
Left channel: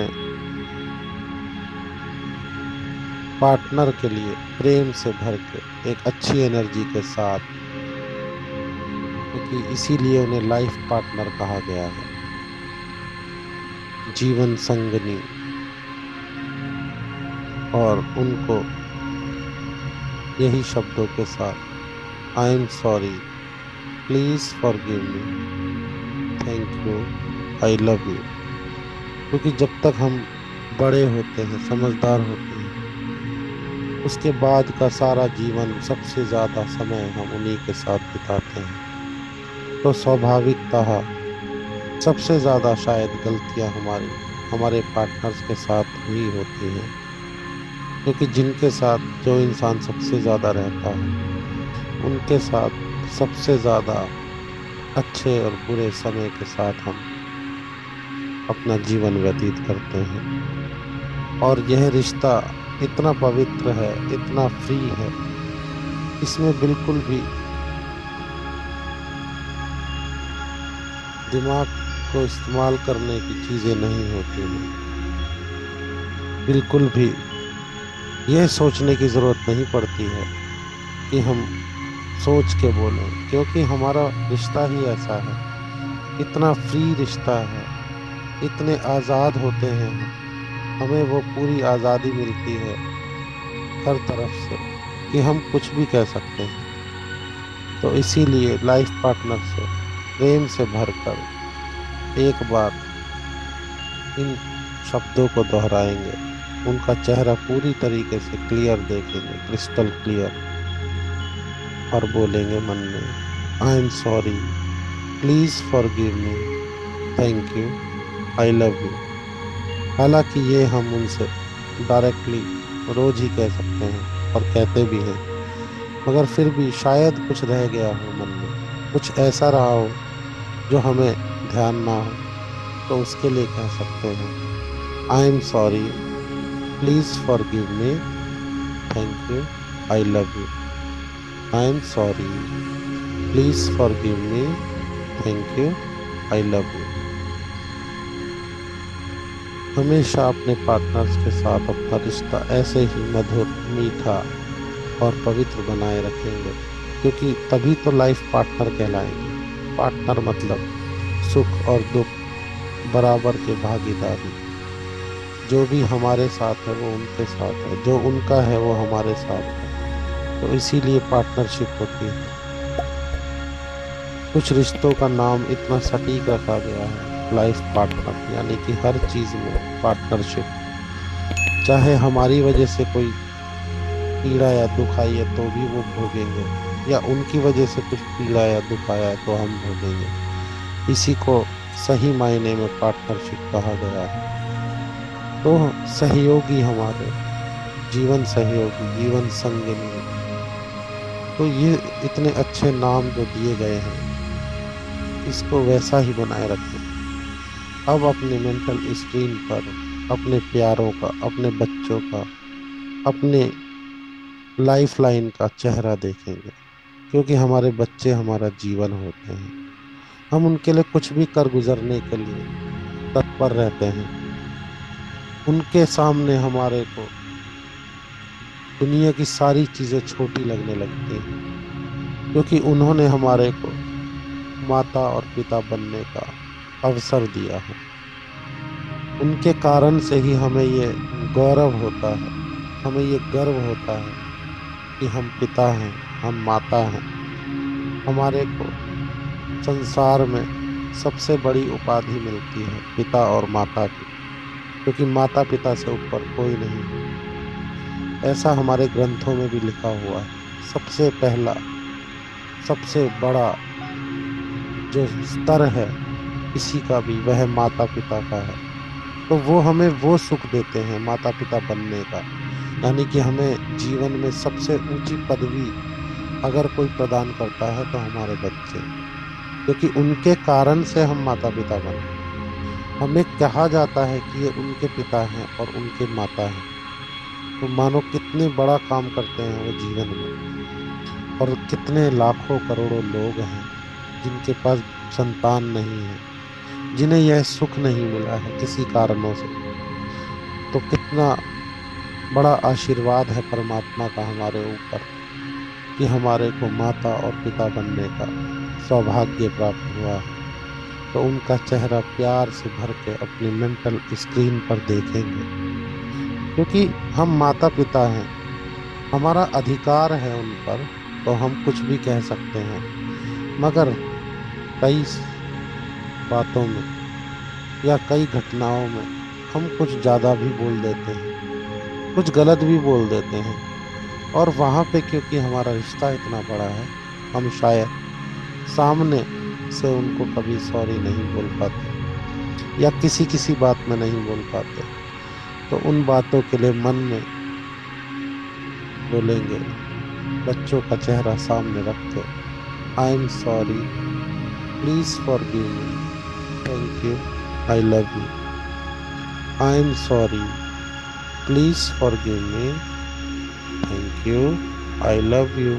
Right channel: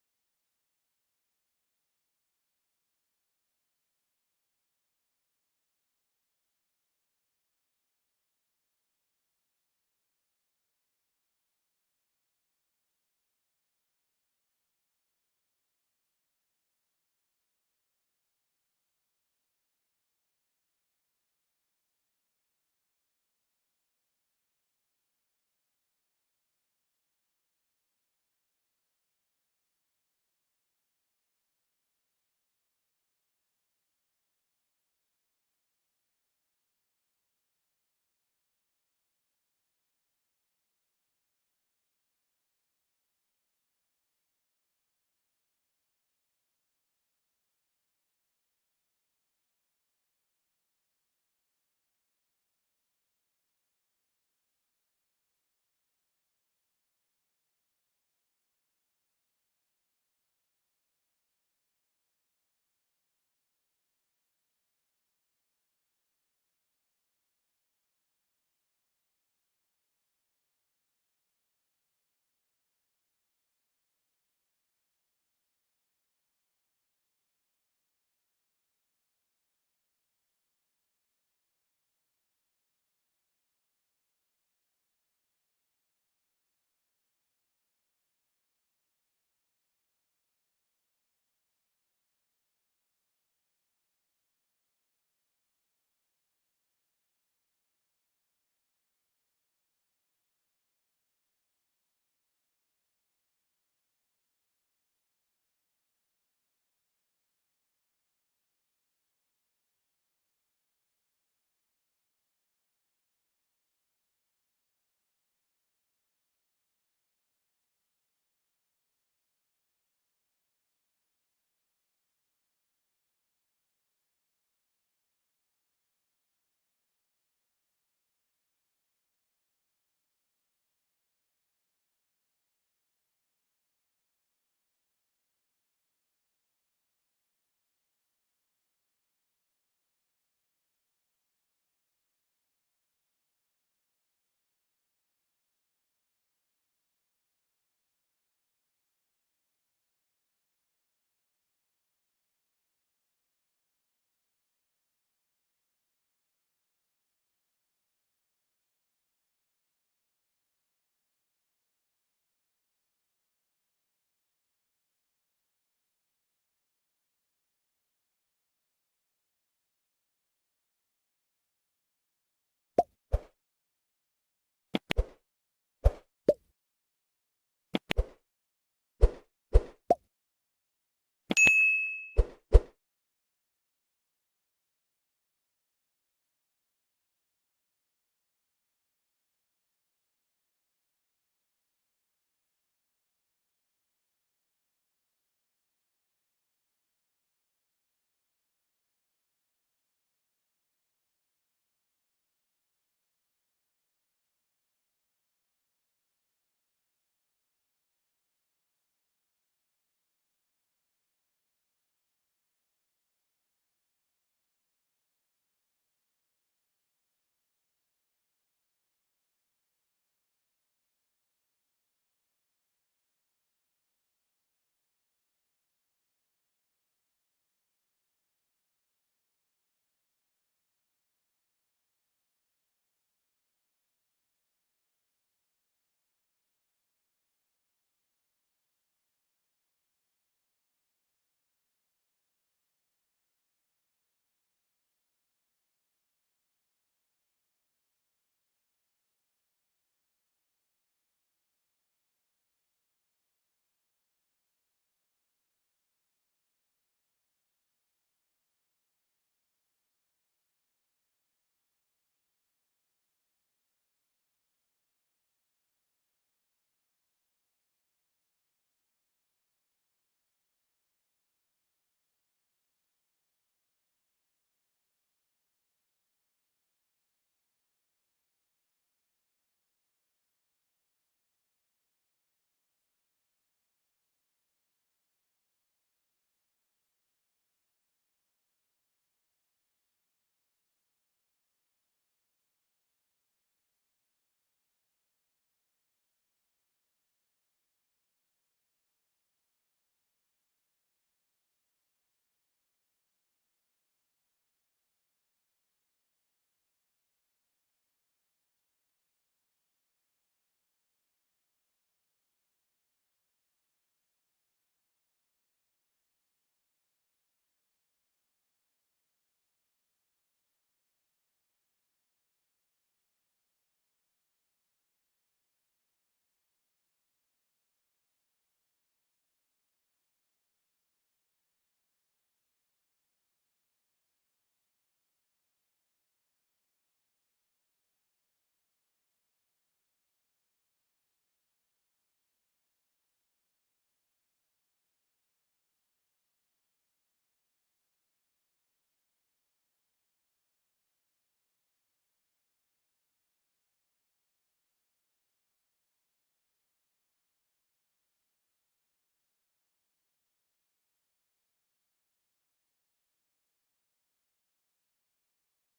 पार्टनर के लिए प्रेम से भर के एक अच्छी एनर्जी के साथ, क्योंकि इसीलिए उन्हें लाइफ पार्टनर कहा गया है, जीवन संगनी। और उनको यही शब्दों के साथ, आई am sorry, please forgive me, thank you, I love you. क्योंकि जब तक हम बड़े होते हैं, समझदार होते हैं, उसके बाद का सारा जीवन सबसे ज्यादा समय हम उन्हीं के साथ बिताते हैं। तो स्वाभाविकतः सबसे ज्यादा शायद गलतियां हमारी हमारे पार्टनर्स के साथ ही होती हैं। क्योंकि जिनके साथ जो इंसान सबसे ज्यादा रहता है, उनके साथ सबसे ज्यादा अच्छे और बुरे समय के साथ हम अपना जीवन व्यतीत करते हैं। और यह रिश्ता इतना पवित्र है, इतना फ्री है, इसमें बिल्कुल भी दिमाग को इस्तेमाल करने की चीजें नहीं होती हैं। बिल्कुल भी यह सोचने की जरूरत नहीं पड़ती है कि हम सोच के बोलें, क्योंकि हमारा रिश्ता ही ऐसा है। इतना फ्री रिश्ता है, इतने आजाद होते हैं हम, हमें वो पूरी आजादी मिलती है हर तरफ से कि हम कुछ भी कह सकते हैं। तो इसीलिए लाइफ पार्टनर से प्रेम से भरकर एक बार इन शब्दों को दोहराएंगे, उनका चेहरा पूरी तरीके से क्लियर देखेंगे, क्रिस्टल क्लियर, और बोलेंगे मन में, आई am sorry, please forgive me, thank you, I love you. हालांकि ये हम उनसे डायरेक्टली रोज ही कह सकते हैं और कहते भी हैं, मगर फिर भी शायद कुछ रह गया हो मन में, कुछ ऐसा रहा हो जो हमें ध्यान ना हो, तो उसके लिए कह सकते हैं, आई am sorry, please forgive me, thank you, I love you. I am sorry, please forgive me, thank you, I love you. हमेशा अपने पार्टनर्स के साथ अपना रिश्ता ऐसे ही मधुर, मीठा और पवित्र बनाए रखेंगे, क्योंकि तभी तो लाइफ पार्टनर कहलाएंगे। पार्टनर मतलब सुख और दुख बराबर के भागीदारी। जो भी हमारे साथ है वो उनके साथ है, जो उनका है वो हमारे साथ है। तो इसीलिए पार्टनरशिप होती है। कुछ रिश्तों का नाम इतना सटीक रखा गया है, लाइफ पार्टनर, यानी कि हर चीज में पार्टनरशिप। चाहे हमारी वजह से कोई पीड़ा या दुख आई है तो भी वो भोगेंगे, या उनकी वजह से कुछ पीड़ा या दुख आया है तो हम भोगेंगे। इसी को सही मायने में पार्टनरशिप कहा गया है। तो सहयोगी हमारे, जीवन सहयोगी, जीवन संगिनी, तो ये इतने अच्छे नाम जो दिए गए हैं, इसको वैसा ही बनाए रखें। अब अपने मेंटल स्क्रीन पर अपने प्यारों का, अपने बच्चों का, अपने लाइफ लाइन का चेहरा देखेंगे, क्योंकि हमारे बच्चे हमारा जीवन होते हैं। हम उनके लिए कुछ भी कर गुजरने के लिए तत्पर रहते हैं। उनके सामने हमारे को दुनिया की सारी चीजें छोटी लगने लगती हैं, क्योंकि उन्होंने हमारे को माता और पिता बनने का अवसर दिया है। उनके कारण से ही हमें ये गौरव होता है, हमें ये गर्व होता है कि हम पिता हैं, हम माता हैं। हमारे को संसार में सबसे बड़ी उपाधि मिलती है पिता और माता की, क्योंकि माता पिता से ऊपर कोई नहीं है। ऐसा हमारे ग्रंथों में भी लिखा हुआ है। सबसे पहला, सबसे बड़ा जो स्तर है किसी का भी, वह माता पिता का है। तो वो हमें वो सुख देते हैं माता पिता बनने का, यानी कि हमें जीवन में सबसे ऊंची पदवी अगर कोई प्रदान करता है तो हमारे बच्चे, क्योंकि उनके कारण से हम माता पिता बने। हमें कहा जाता है कि ये उनके पिता हैं और उनके माता हैं, तो मानो कितने बड़ा काम करते हैं वो जीवन में। और कितने लाखों करोड़ों लोग हैं जिनके पास संतान नहीं है, जिन्हें यह सुख नहीं मिला है किसी कारणों से। तो कितना बड़ा आशीर्वाद है परमात्मा का हमारे ऊपर कि हमारे को माता और पिता बनने का सौभाग्य प्राप्त हुआ है। तो उनका चेहरा प्यार से भर के अपनी मेंटल स्क्रीन पर देखेंगे, क्योंकि हम माता पिता हैं, हमारा अधिकार है उन पर। तो हम कुछ भी कह सकते हैं, मगर कई बातों में या कई घटनाओं में हम कुछ ज्यादा भी बोल देते हैं, कुछ गलत भी बोल देते हैं। और वहां पे क्योंकि हमारा रिश्ता इतना बड़ा है, हम शायद सामने से उनको कभी सॉरी नहीं बोल पाते, या किसी किसी बात में नहीं बोल पाते। तो उन बातों के लिए मन में बोलेंगे, बच्चों का चेहरा सामने रख के, आई am sorry, please forgive me, thank you, I love you. I am sorry, please forgive me, thank you, I love you.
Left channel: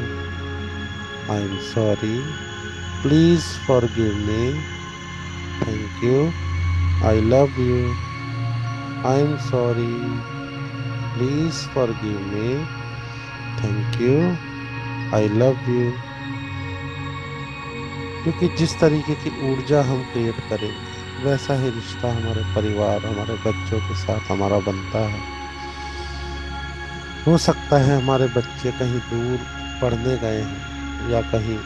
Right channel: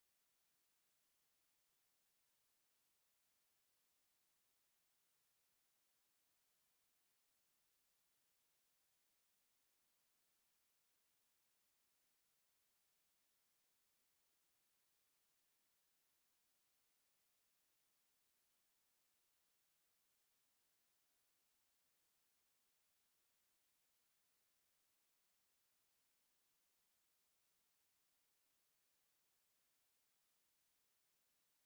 I am sorry, please forgive me, thank you, I love you. I am sorry, please forgive me, thank you, I love you. क्योंकि जिस तरीके की ऊर्जा हम create करेंगे, वैसा ही रिश्ता हमारे परिवार, हमारे बच्चों के साथ हमारा बनता है। हो सकता है हमारे बच्चे कहीं दूर पढ़ने गए हों, या कहीं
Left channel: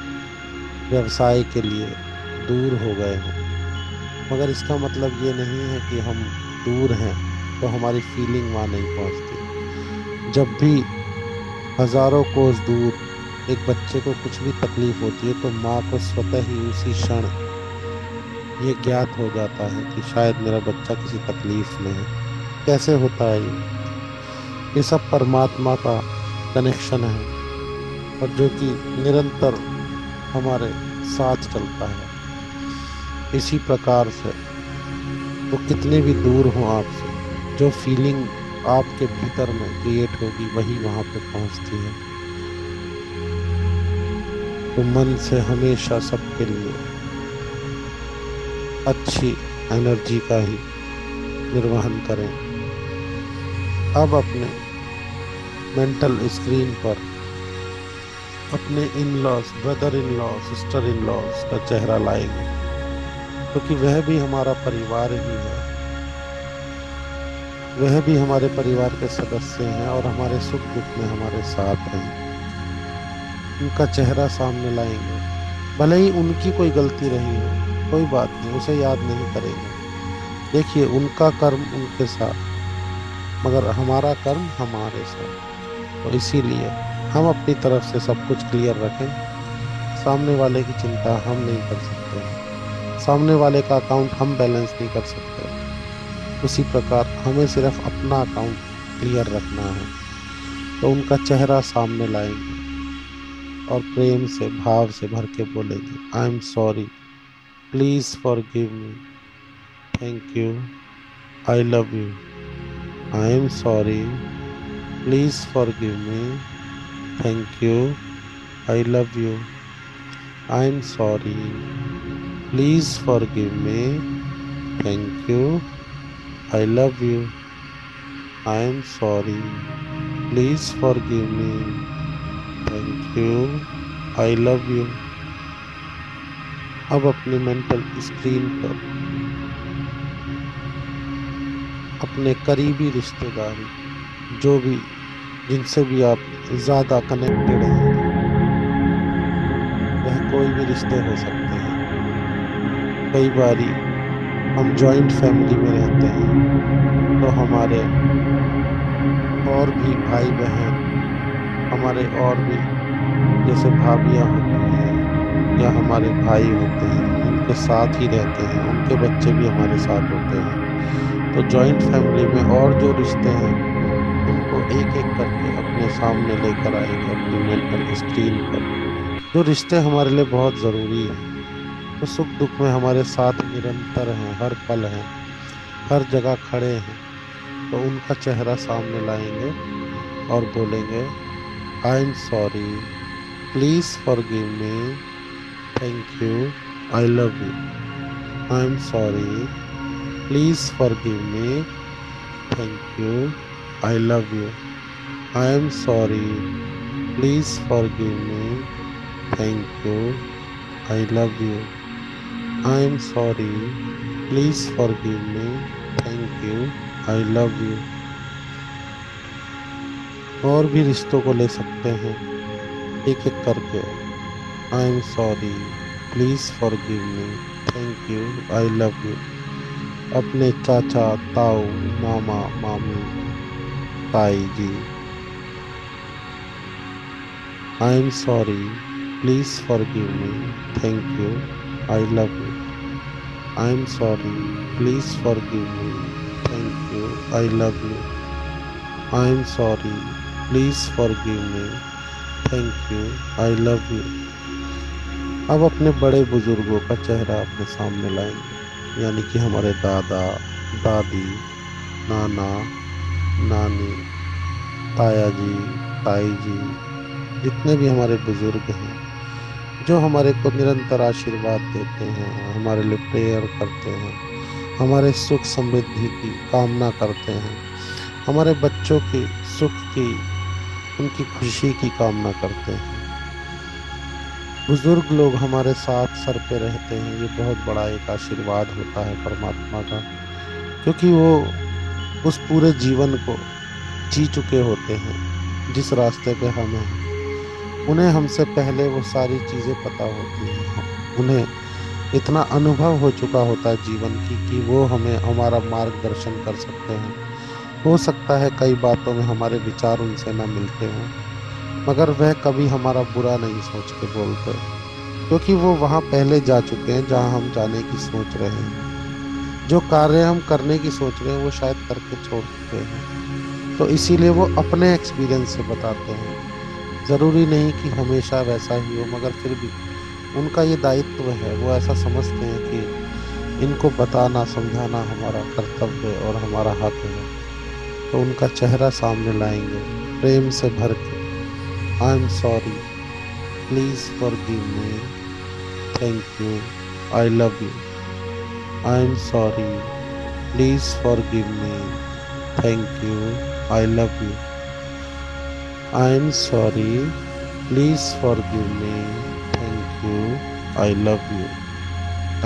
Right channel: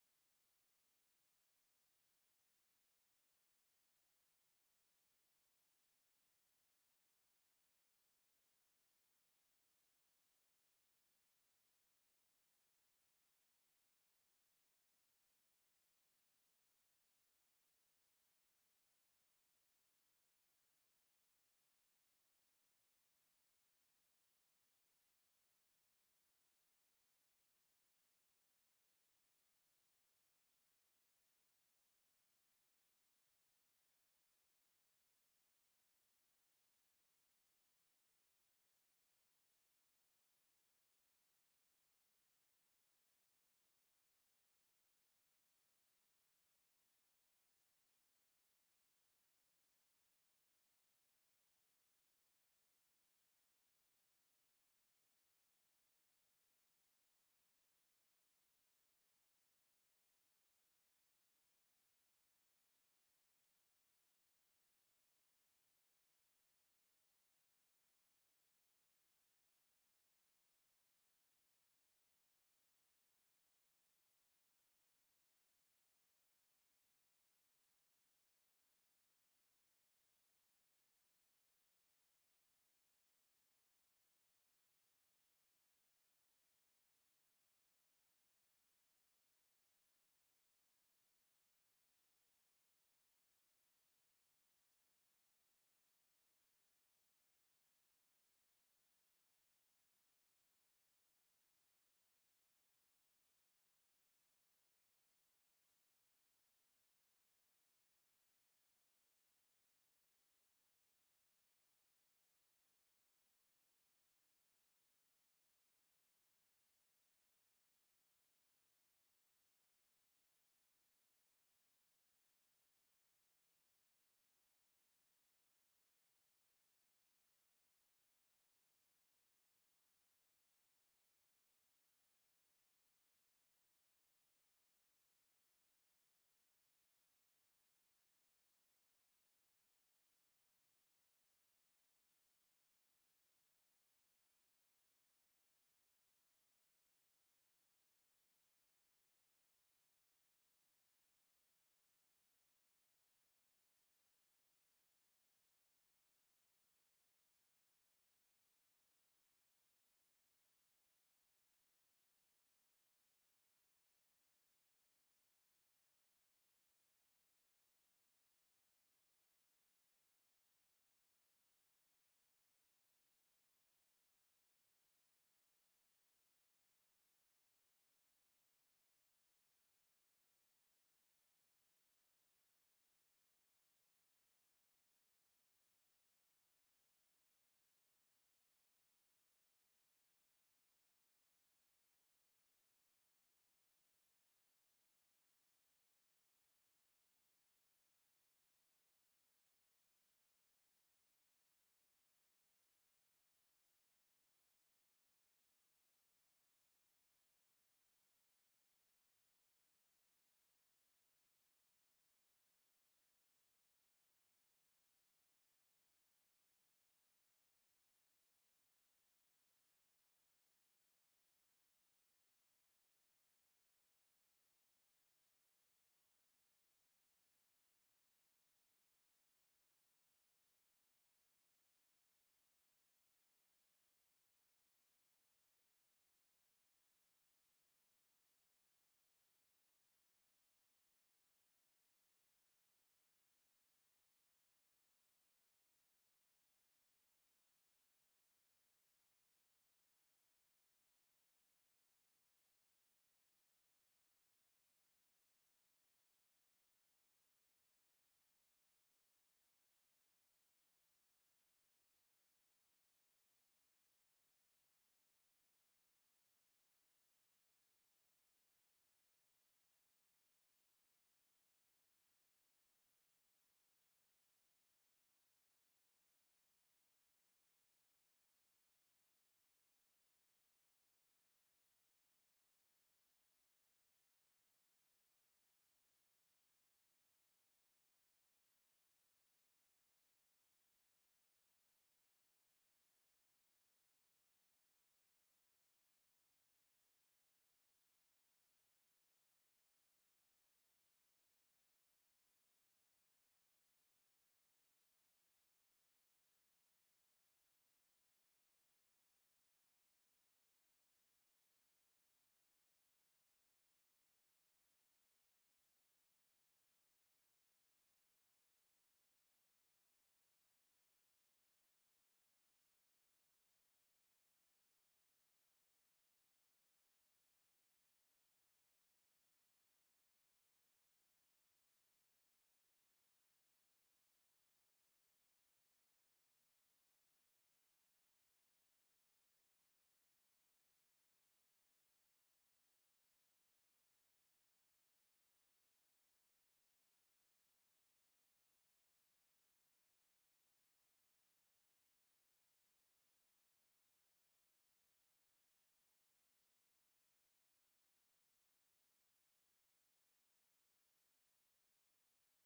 व्यवसाय के लिए दूर हो गए हों, मगर इसका मतलब ये नहीं है कि हम दूर हैं। तो हमारी फीलिंग वहाँ नहीं पहुँचती। जब भी हजारों कोस दूर एक बच्चे को कुछ भी तकलीफ होती है तो माँ को स्वतः ही उसी क्षण ये ज्ञात हो जाता है कि शायद मेरा बच्चा किसी तकलीफ में है। कैसे होता है ये सब परमात्मा का कनेक्शन है, और जो कि निरंतर हमारे साथ चलता है। इसी प्रकार से वो कितने भी दूर हो आपसे, जो फीलिंग आपके भीतर में क्रिएट होगी वही वहां पे पहुंचती है। तो मन से हमेशा सबके लिए अच्छी एनर्जी का ही निर्वहन करें। अब अपने मेंटल स्क्रीन पर अपने in laws, brother in law, sister in laws का चेहरा लाएंगे, क्योंकि वह भी हमारा परिवार ही है। वह भी हमारे परिवार के सदस्य हैं और हमारे सुख दुख में हमारे साथ हैं। उनका चेहरा सामने लाएंगे। भले ही उनकी कोई गलती रही हो, कोई बात नहीं, उसे याद नहीं करेंगे। देखिए, उनका कर्म उनके साथ, मगर हमारा कर्म हमारे साथ। तो इसीलिए हम अपनी तरफ से सब कुछ क्लियर रखें। सामने वाले की चिंता हम नहीं कर सकते हैं, सामने वाले का अकाउंट हम बैलेंस नहीं कर सकते। उसी प्रकार हमें सिर्फ अपना अकाउंट क्लियर रखना है। तो उनका चेहरा सामने लाएंगे और प्रेम से, भाव से भर के बोलेंगे, I am sorry, please forgive me, thank you, I love you. I am sorry, please forgive me, thank you, I love you. I am sorry, please forgive me, thank you, I love you. I am sorry, please forgive me, thank you, I love you. अब अपने mental screen पर अपने करीबी रिश्तेदारी, जो भी, जिनसे भी आप ज्यादा कनेक्टेड हैं, वह कोई भी रिश्ते हो सकते हैं। कई बारी हम जॉइंट फैमिली में रहते हैं, तो हमारे और भी भाई बहन, हमारे और भी जैसे भाभियाँ होती हैं या हमारे भाई होते हैं, उनके साथ ही रहते हैं, उनके बच्चे भी हमारे साथ होते हैं। तो जॉइंट फैमिली में और जो रिश्ते हैं उनको एक एक करके अपने सामने लेकर आएंगे अपनी मेंटल स्क्रीन पर। जो रिश्ते हमारे लिए बहुत जरूरी हैं, तो सुख दुख में हमारे साथ निरंतर हैं, हर पल हैं, हर जगह खड़े हैं। तो उनका चेहरा सामने लाएंगे और बोलेंगे, I am sorry, please forgive me, thank you, I love you. I am sorry, please forgive me, thank you, I love you. I am sorry, please forgive me, thank you, I love you. I am sorry, please forgive me, thank you, I love you. और भी रिश्तों को ले सकते हैं एक एक करके। I am sorry, please forgive me, thank you, I love you. अपने चाचा, ताऊ, मामा, मामी, ताई जी, I am sorry, please forgive me, thank you, I love you. I am sorry, please forgive me, thank you, I love you. I am sorry, please forgive me, thank you, I love you. अब अपने बड़े बुजुर्गों का चेहरा अपने सामने लाएंगे, यानी कि हमारे दादा, दादी, नाना, नानी, ताया जी, ताई जी, जितने भी हमारे बुजुर्ग हैं, जो हमारे को निरंतर आशीर्वाद देते हैं, हमारे लिए प्रेयर करते हैं, हमारे सुख समृद्धि की कामना करते हैं, हमारे बच्चों की सुख की, उनकी खुशी की कामना करते हैं। बुजुर्ग लोग हमारे साथ सर पे रहते हैं, ये बहुत बड़ा एक आशीर्वाद होता है परमात्मा का, क्योंकि वो उस पूरे जीवन को जी चुके होते हैं जिस रास्ते पे हम हैं। उन्हें हमसे पहले वो सारी चीजें पता होती हैं। उन्हें इतना अनुभव हो चुका होता है जीवन की कि वो हमें हमारा मार्गदर्शन कर सकते हैं। हो सकता है कई बातों में हमारे विचार उनसे ना मिलते हों, मगर वह कभी हमारा बुरा नहीं सोच के बोलते, क्योंकि वो वहां पहले जा चुके हैं जहां हम जाने की सोच रहे हैं। जो कार्य हम करने की सोच रहे हैं वो शायद करके छोड़ चुके हैं, तो इसीलिए वो अपने एक्सपीरियंस से बताते हैं। जरूरी नहीं कि हमेशा वैसा ही हो, मगर फिर भी उनका ये दायित्व है, वो ऐसा समझते हैं कि इनको बताना समझाना हमारा कर्तव्य और हमारा हक है। तो उनका चेहरा सामने लाएंगे प्रेम से भर के। आई am sorry, please forgive me, thank you, I love you. I am sorry, please forgive me, thank you, I love you. I am sorry, please forgive me, thank you, I love you.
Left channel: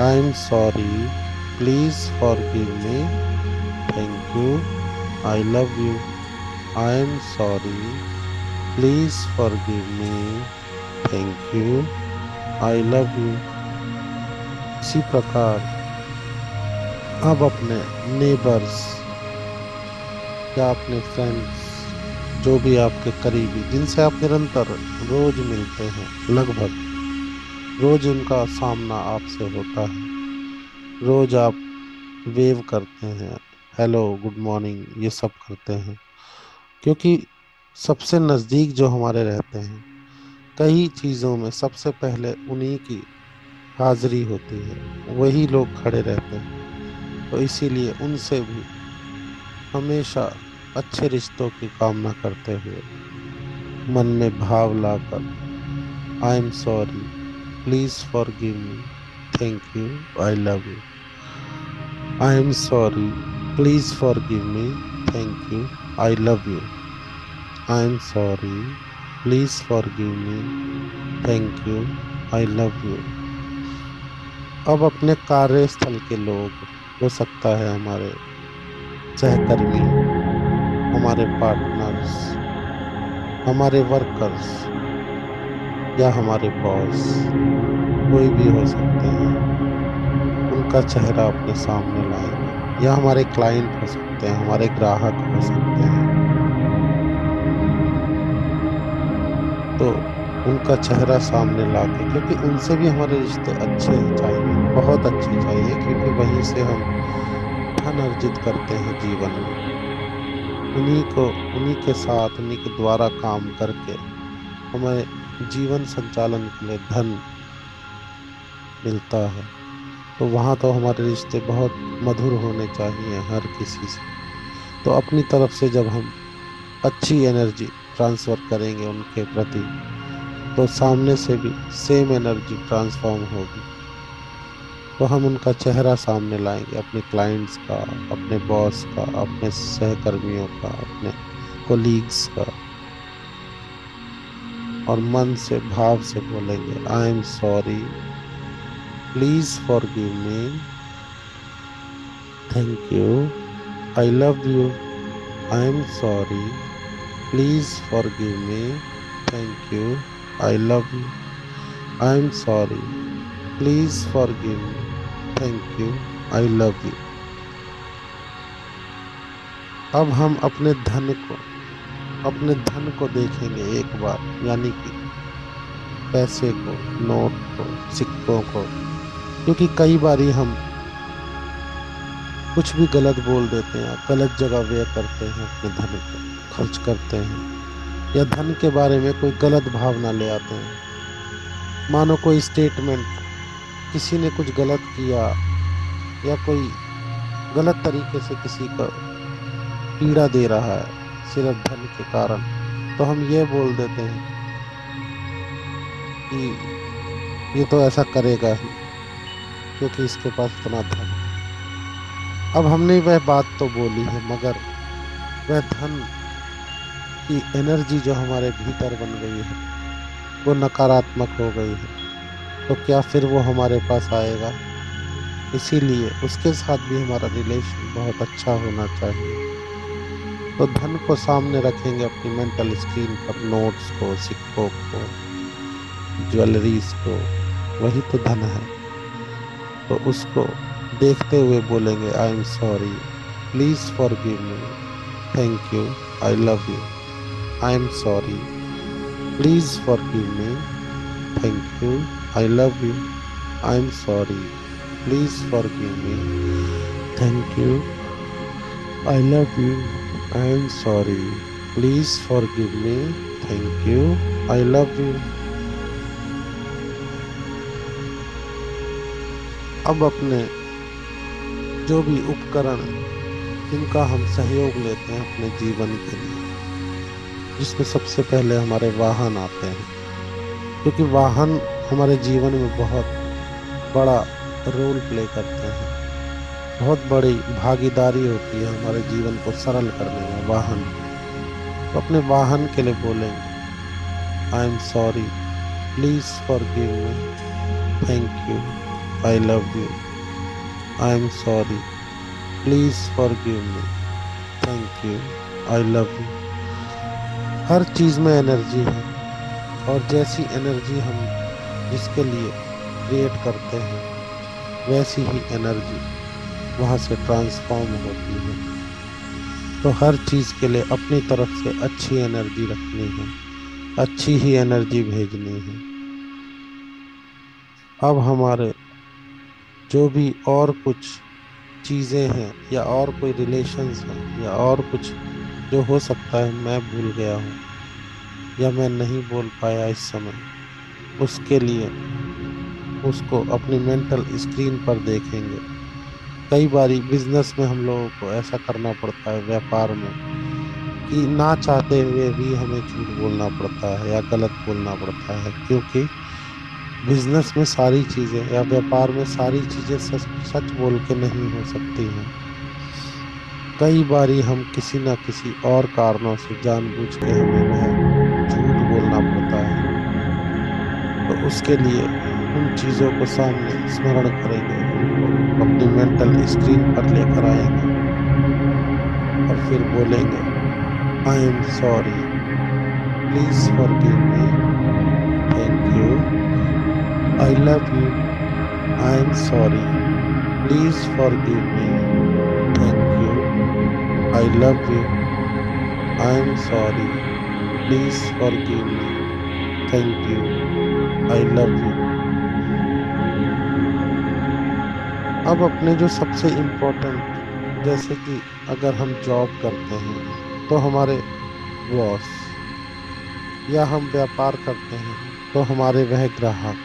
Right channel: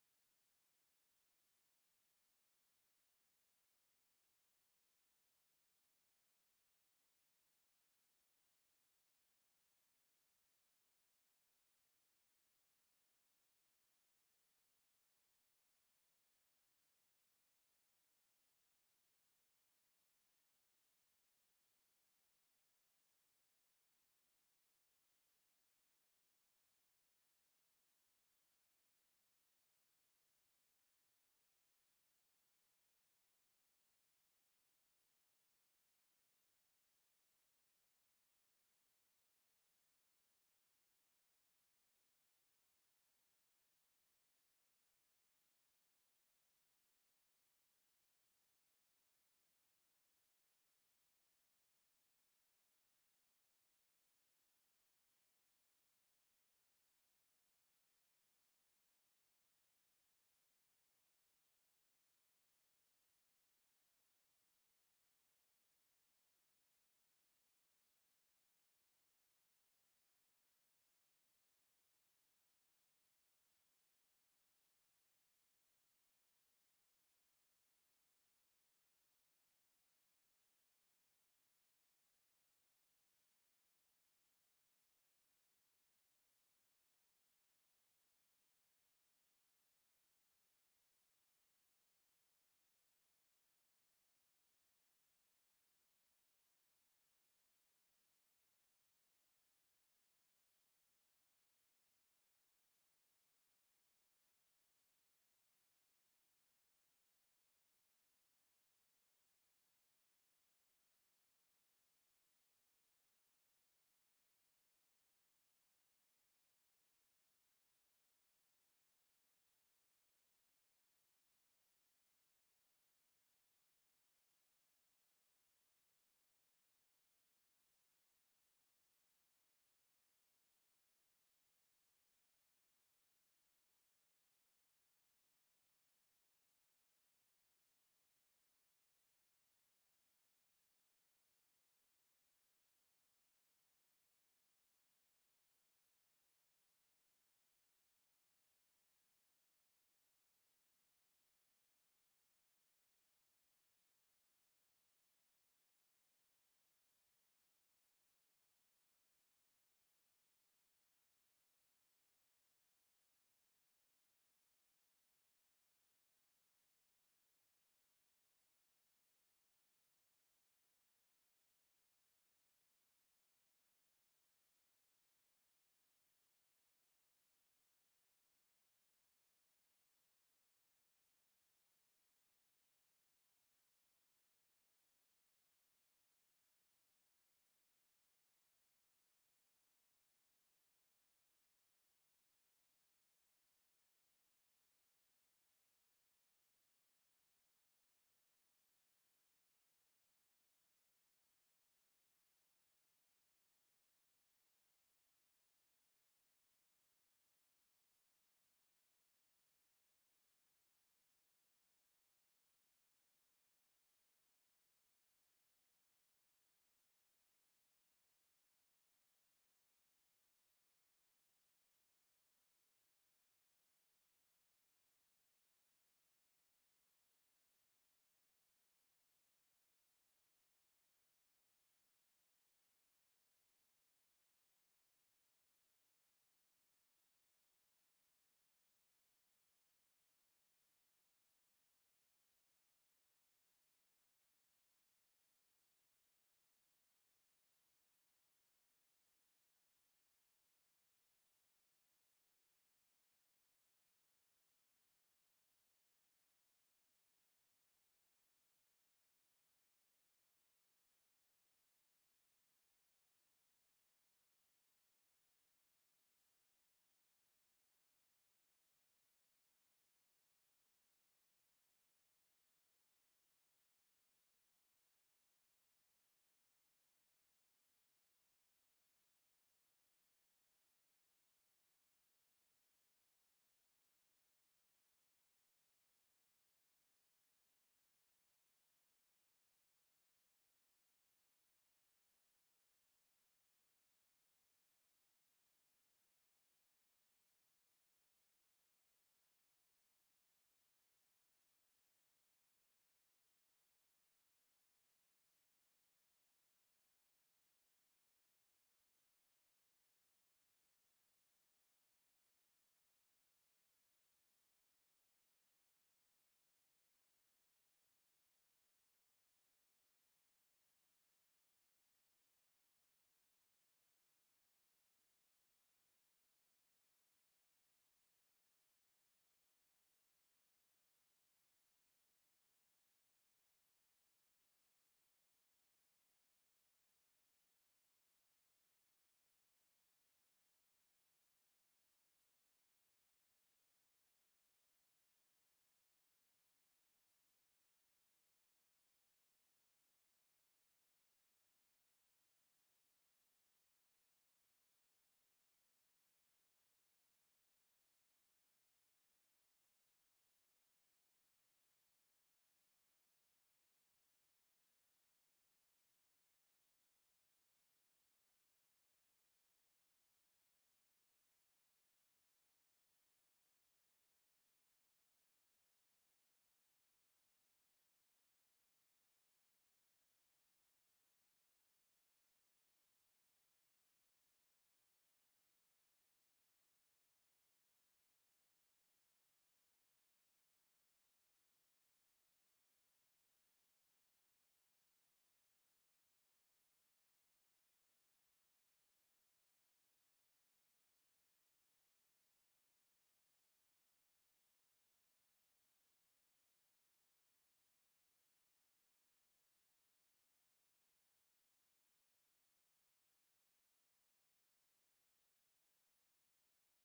I am sorry, please forgive me, thank you, I love you. I am sorry, please forgive me, thank you, I love you. इसी प्रकार अब अपने neighbours या अपने friends, जो भी आपके करीबी जिनसे आप निरंतर रोज मिलते हैं, लगभग रोज उनका सामना आपसे होता है, रोज आप वेव करते हैं, हेलो गुड मॉर्निंग ये सब करते हैं, क्योंकि सबसे नज़दीक जो हमारे रहते हैं, कई चीज़ों में सबसे पहले उन्हीं की हाजिरी होती है, वही लोग खड़े रहते हैं। तो इसीलिए उनसे भी हमेशा अच्छे रिश्तों की कामना करते हुए, मन में भाव लाकर, I am sorry, please forgive me, thank you, I love you. I am sorry, please forgive me, thank you, I love you. I am sorry, please forgive me, thank you, I love you. अब अपने कार्यस्थल के लोग, हो सकता है हमारे सहकर्मी, हमारे पार्टनर्स, हमारे वर्कर्स या हमारे बॉस, कोई भी हो सकते हैं, उनका चेहरा अपने सामने लाएंगे। या हमारे क्लाइंट हो सकते हैं, हमारे ग्राहक हो सकते हैं, तो उनका चेहरा सामने लाके, क्योंकि उनसे भी हमारे रिश्ते अच्छे ही चाहिए, बहुत अच्छे चाहिए, क्योंकि वहीं से हम धन अर्जित करते हैं जीवन में। उन्हीं को, उन्हीं के साथ, उन्हीं के द्वारा काम करके हमें जीवन संचालन के लिए धन मिलता है। तो वहाँ तो हमारे रिश्ते बहुत मधुर होने चाहिए हर किसी से। तो अपनी तरफ से जब हम अच्छी एनर्जी ट्रांसफर करेंगे उनके प्रति, तो सामने से भी सेम एनर्जी ट्रांसफॉर्म होगी। तो हम उनका चेहरा सामने लाएंगे, अपने क्लाइंट्स का, अपने बॉस का, अपने सहकर्मियों का, अपने कोलीग्स का, और मन से भाव से बोलेंगे, I am sorry, please forgive me, thank you, I love you. I am sorry, please forgive me, thank you, I love you. I am sorry, please forgive me, thank you, I love you. अब हम अपने धन को देखेंगे एक बार, यानी कि पैसे को, नोट को, सिक्कों को, क्योंकि कई बारी हम कुछ भी गलत बोल देते हैं, गलत जगह व्यय करते हैं, अपने धन को खर्च करते हैं, या धन के बारे में कोई गलत भावना ले आते हैं। मानो कोई स्टेटमेंट, किसी ने कुछ गलत किया, या कोई गलत तरीके से किसी को पीड़ा दे रहा है सिर्फ धन के कारण, तो हम ये बोल देते हैं कि ये तो ऐसा करेगा ही, क्योंकि इसके पास इतना धन है। अब हमने वह बात तो बोली है, मगर वह धन की एनर्जी जो हमारे भीतर बन गई है, वो नकारात्मक हो गई है, तो क्या फिर वो हमारे पास आएगा? इसीलिए उसके साथ भी हमारा रिलेशन बहुत अच्छा होना चाहिए। तो धन को सामने रखेंगे अपनी मेंटल स्क्रीन पर, नोट्स को, सिक्कों को, ज्वेलरीज को, वही तो धन है। तो उसको देखते हुए बोलेंगे, I am sorry, please forgive me, thank you, I love you, I am sorry, please forgive me, thank you, I love you, I am sorry, please forgive me, thank you, I love you, I am sorry, please forgive me, thank you, I love you. अब अपने जो भी उपकरण जिनका हम सहयोग लेते हैं अपने जीवन के लिए, जिसमें सबसे पहले हमारे वाहन आते हैं, क्योंकि वाहन हमारे जीवन में बहुत बड़ा रोल प्ले करते हैं, बहुत बड़ी भागीदारी होती है हमारे जीवन को सरल करने में वाहन की। तो अपने वाहन के लिए बोलेंगे, I am sorry, please forgive me, thank you, I love you, I am sorry, please forgive me, thank you, I love you. हर चीज में एनर्जी है, और जैसी एनर्जी हम जिसके लिए क्रिएट करते हैं, वैसी ही एनर्जी वहाँ से ट्रांसफॉर्म होती है। तो हर चीज के लिए अपनी तरफ से अच्छी एनर्जी रखनी है, अच्छी ही एनर्जी भेजनी है। अब हमारे जो भी और कुछ चीजें हैं, या और कोई रिलेशंस हैं, या और कुछ जो हो सकता है मैं भूल गया हूँ या मैं नहीं बोल पाया इस समय, उसके लिए उसको अपनी मेंटल स्क्रीन पर देखेंगे। कई बारी बिजनेस में हम लोगों को ऐसा करना पड़ता है, व्यापार में, कि ना चाहते हुए भी हमें झूठ बोलना पड़ता है या गलत बोलना पड़ता है, क्योंकि बिजनेस में सारी चीजें या व्यापार में सारी चीजें सच सच बोल के नहीं हो सकती हैं। कई बारी हम किसी ना किसी और कारणों से जानबूझ के हमें वह झूठ बोलना पड़ता है। तो उसके लिए उन चीजों को सामने स्मरण करेंगे, उनको अपनी मेंटल स्क्रीन पर लेकर आएंगे, और फिर बोलेंगे, I am sorry, please forgive me, thank you, I love you, I am sorry, please forgive me, thank you, I love you, I am sorry, please forgive me, thank you, I love you. अब अपने जो सबसे important, जैसे कि अगर हम job करते हैं तो हमारे बॉस, या हम व्यापार करते हैं तो हमारे वह ग्राहक,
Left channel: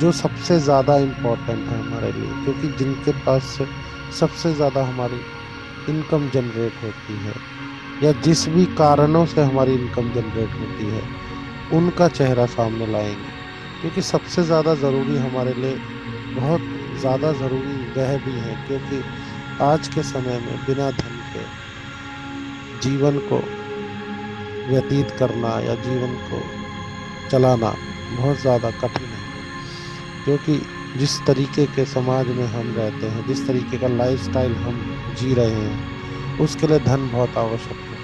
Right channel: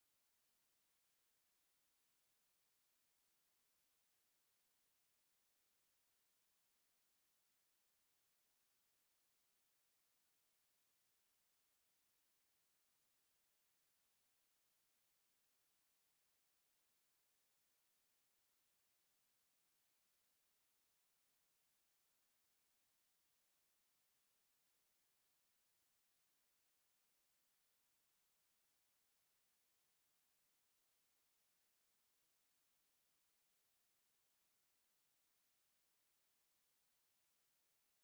जो सबसे ज़्यादा इम्पोर्टेंट है हमारे लिए, क्योंकि जिनके पास से सबसे ज़्यादा हमारी इनकम जनरेट होती है, या जिस भी कारणों से हमारी इनकम जनरेट होती है, उनका चेहरा सामने लाएंगे। क्योंकि सबसे ज़्यादा ज़रूरी हमारे लिए, बहुत ज़्यादा ज़रूरी वह भी है, क्योंकि आज के समय में बिना धन के जीवन को व्यतीत करना या जीवन को चलाना बहुत ज़्यादा कठिन है। क्योंकि जिस तरीके के समाज में हम रहते हैं, जिस तरीके का लाइफस्टाइल हम जी रहे हैं, उसके लिए धन बहुत आवश्यक है।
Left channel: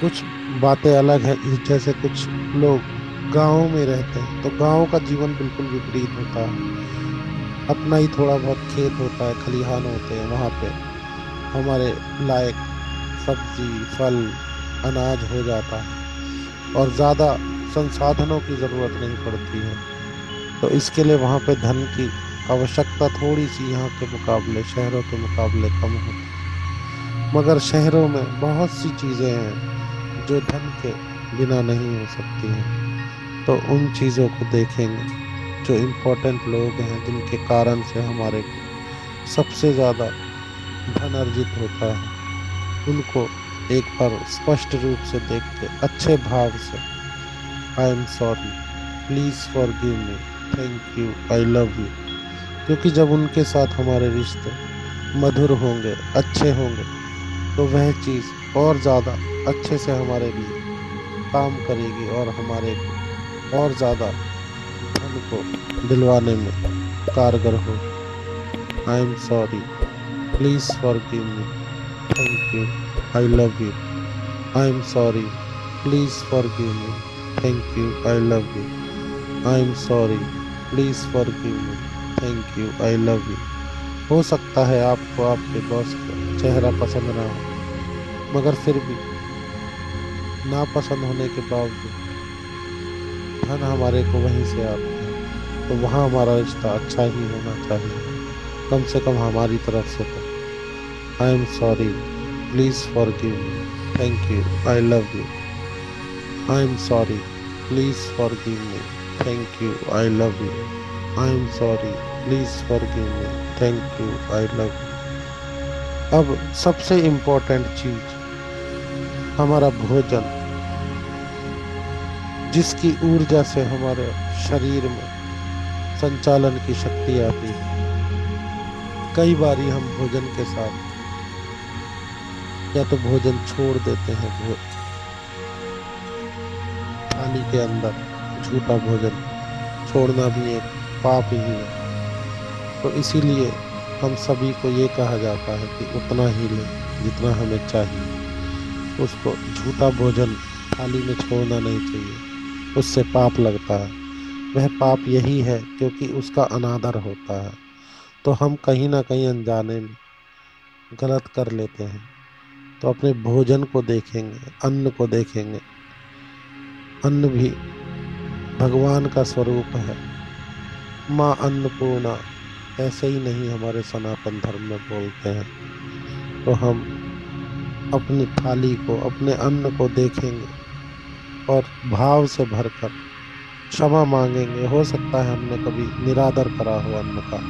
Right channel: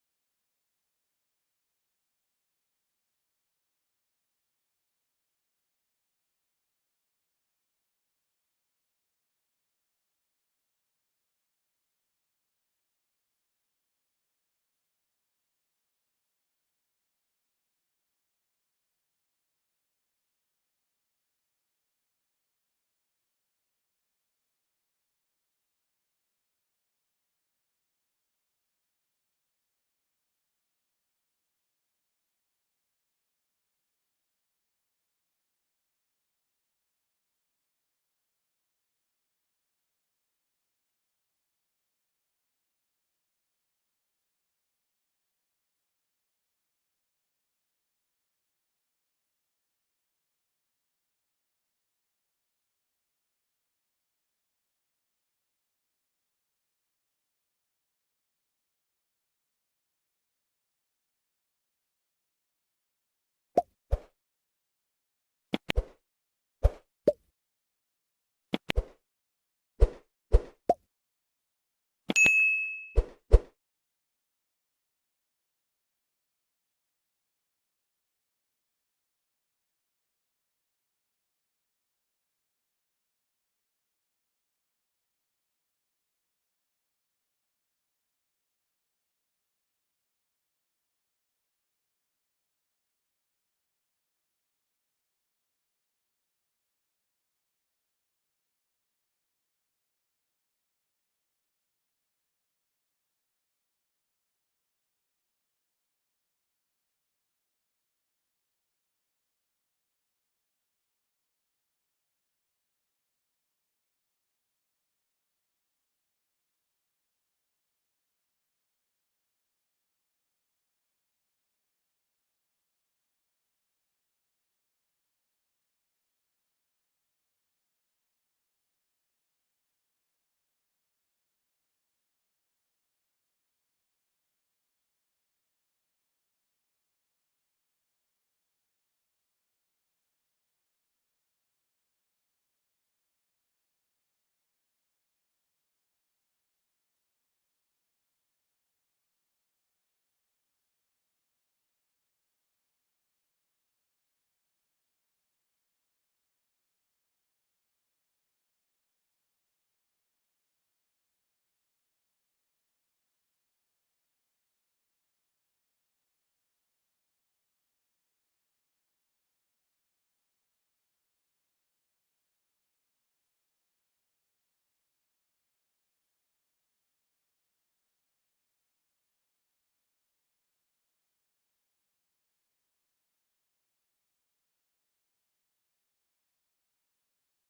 कुछ बातें अलग है, जैसे कुछ लोग गाँव में रहते हैं तो गाँव का जीवन बिल्कुल विपरीत होता है। अपना ही थोड़ा बहुत खेत होता है, खलिहान होते हैं, वहाँ पे हमारे लायक सब्जी, फल, अनाज हो जाता है, और ज़्यादा संसाधनों की ज़रूरत नहीं पड़ती है। तो इसके लिए वहाँ पे धन की आवश्यकता थोड़ी सी यहाँ के मुकाबले, शहरों के मुकाबले कम होती है। मगर शहरों में बहुत सी चीज़ें हैं जो धन के बिना नहीं हो सकती हैं। तो उन चीज़ों को देखेंगे, जो इम्पोर्टेंट लोग हैं जिनके कारण से हमारे को सबसे ज़्यादा धन अर्जित होता है, उनको एक बार स्पष्ट रूप से देख के अच्छे भाव से, आई am sorry, please forgive me, thank you, I love you. क्योंकि जब उनके साथ हमारे रिश्ते मधुर होंगे, अच्छे होंगे, तो वह चीज़ और ज़्यादा अच्छे से हमारे लिए काम करेगी, और हमारे को और ज़्यादा धन को दिलवाने में कारगर होगी। आई am sorry, please forgive me, thank you, I love you, I am sorry, please forgive me, thank you, I love you, I am sorry, please forgive me, thank you, I love you. हो सकता है आपको आपके boss का चेहरा पसंद ना हो, मगर फिर भी नापसंद होने के बावजूद धन हमारे को वहीं से आती है, तो वहाँ हमारा रिश्ता अच्छा ही होना चाहिए, कम से कम हमारी तरफ से तो। आई am sorry, please forgive me, thank you, I love you. I am sorry, please forgive me, thank you, I love you. I am sorry, please forgive me, thank you, I love you. अब सबसे important चीज, हमारा भोजन, जिसकी ऊर्जा से हमारे शरीर में संचालन की शक्ति आती है। कई बारी हम भोजन के साथ या तो भोजन छोड़ देते हैं, थाली के अंदर झूठा भोजन छोड़ना भी एक पाप ही है। तो इसीलिए हम सभी को ये कहा जाता है कि उतना ही लें जितना हमें चाहिए। उसको झूठा भोजन थाली में छोड़ना नहीं चाहिए, उससे पाप लगता है। वह पाप यही है क्योंकि उसका अनादर होता है। तो हम कहीं ना कहीं अनजाने में गलत कर लेते हैं। तो अपने भोजन को देखेंगे, अन्न को देखेंगे। अन्न भी भगवान का स्वरूप है, माँ अन्नपूर्णा, ऐसे ही नहीं हमारे सनातन धर्म में बोलते हैं। तो हम अपनी थाली को, अपने अन्न को देखेंगे और भाव से भरकर क्षमा मांगेंगे। हो सकता है हमने कभी निरादर करा हो अन्न का,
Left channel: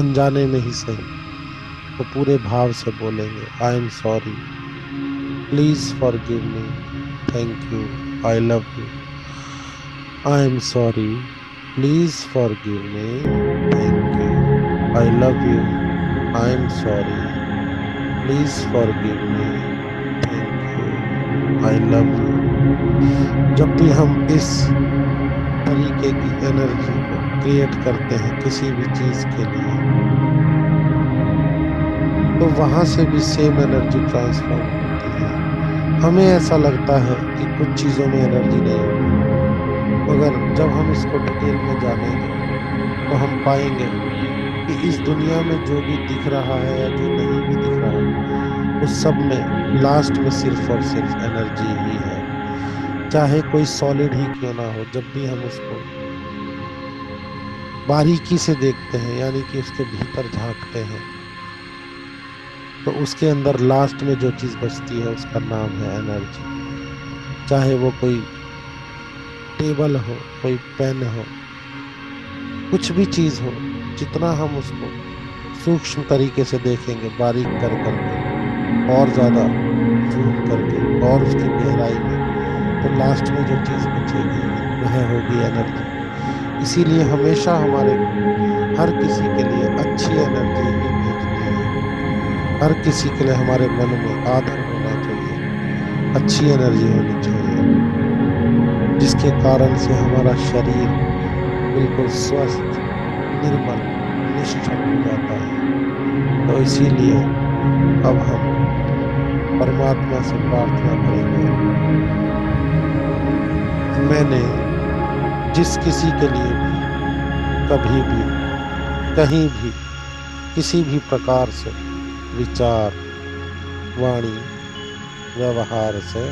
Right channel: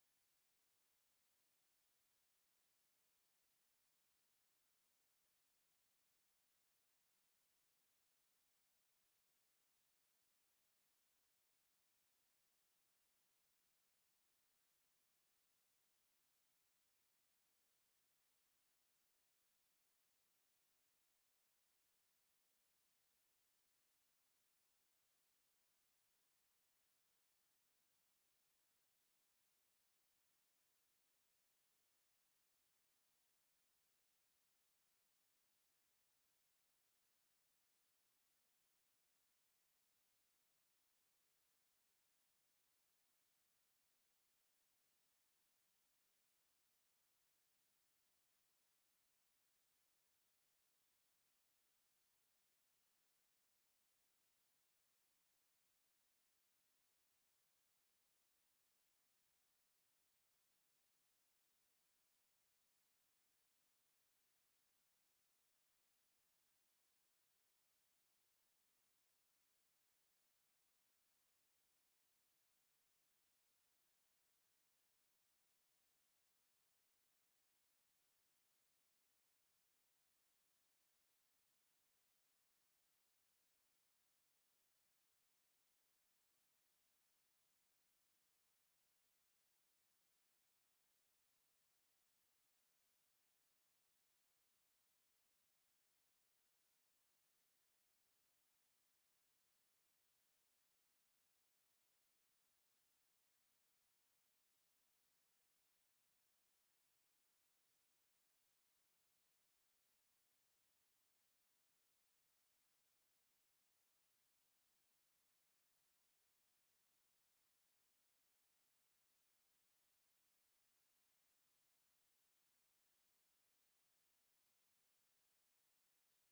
अनजाने में ही सही, तो पूरे भाव से बोलेंगे, I am sorry, please forgive me, thank you, I love you. I am sorry, please forgive me, thank you, I love you. I am sorry, please forgive me, thank you, I love you. जब भी हम इस तरीके की energy को create करते हैं किसी भी चीज के लिए, तो वहां से भी सेम एनर्जी ट्रांसफॉर्म होती है। हमें ऐसा लगता है कि कुछ चीजों में एनर्जी नहीं होती, मगर जब हम इसको डिटेल में जानेंगे तो हम पाएंगे कि इस दुनिया में जो भी दिख रहा है या जो नहीं भी दिख रहा है, उस सब में लास्ट में सिर्फ और सिर्फ एनर्जी ही है। चाहे कोई सॉलिड ही क्यों ना हो, जब भी हम उसको बारीकी से देखते हैं, यानी कि उसके भीतर झांकते हैं, तो उसके अंदर लास्ट में जो चीज बचती है उसका नाम है एनर्जी। चाहे वो कोई टेबल हो, कोई पेन हो, कुछ भी चीज हो, जितना हम उसको सूक्ष्म तरीके से देखेंगे, बारीक कर करके, और ज्यादा जूम करके, और उसकी गहराई में, तो लास्ट में जो चीज बचेगी वह होगी एनर्जी। इसीलिए हमेशा हमारे को हर किसी के लिए अच्छी एनर्जी ही भेजनी है। हर किसी के लिए हमारे मन में आदर होना चाहिए, अच्छी एनर्जी होनी चाहिए, जिसके कारण से हमारा शरीर बिल्कुल स्वस्थ, निर्मल, निश्चल हो जाता है। तो इसीलिए अब हम परमात्मा से प्रार्थना करेंगे, मैंने जिस किसी के लिए भी कभी भी, कहीं भी, किसी भी प्रकार से विचार, वाणी, व्यवहार से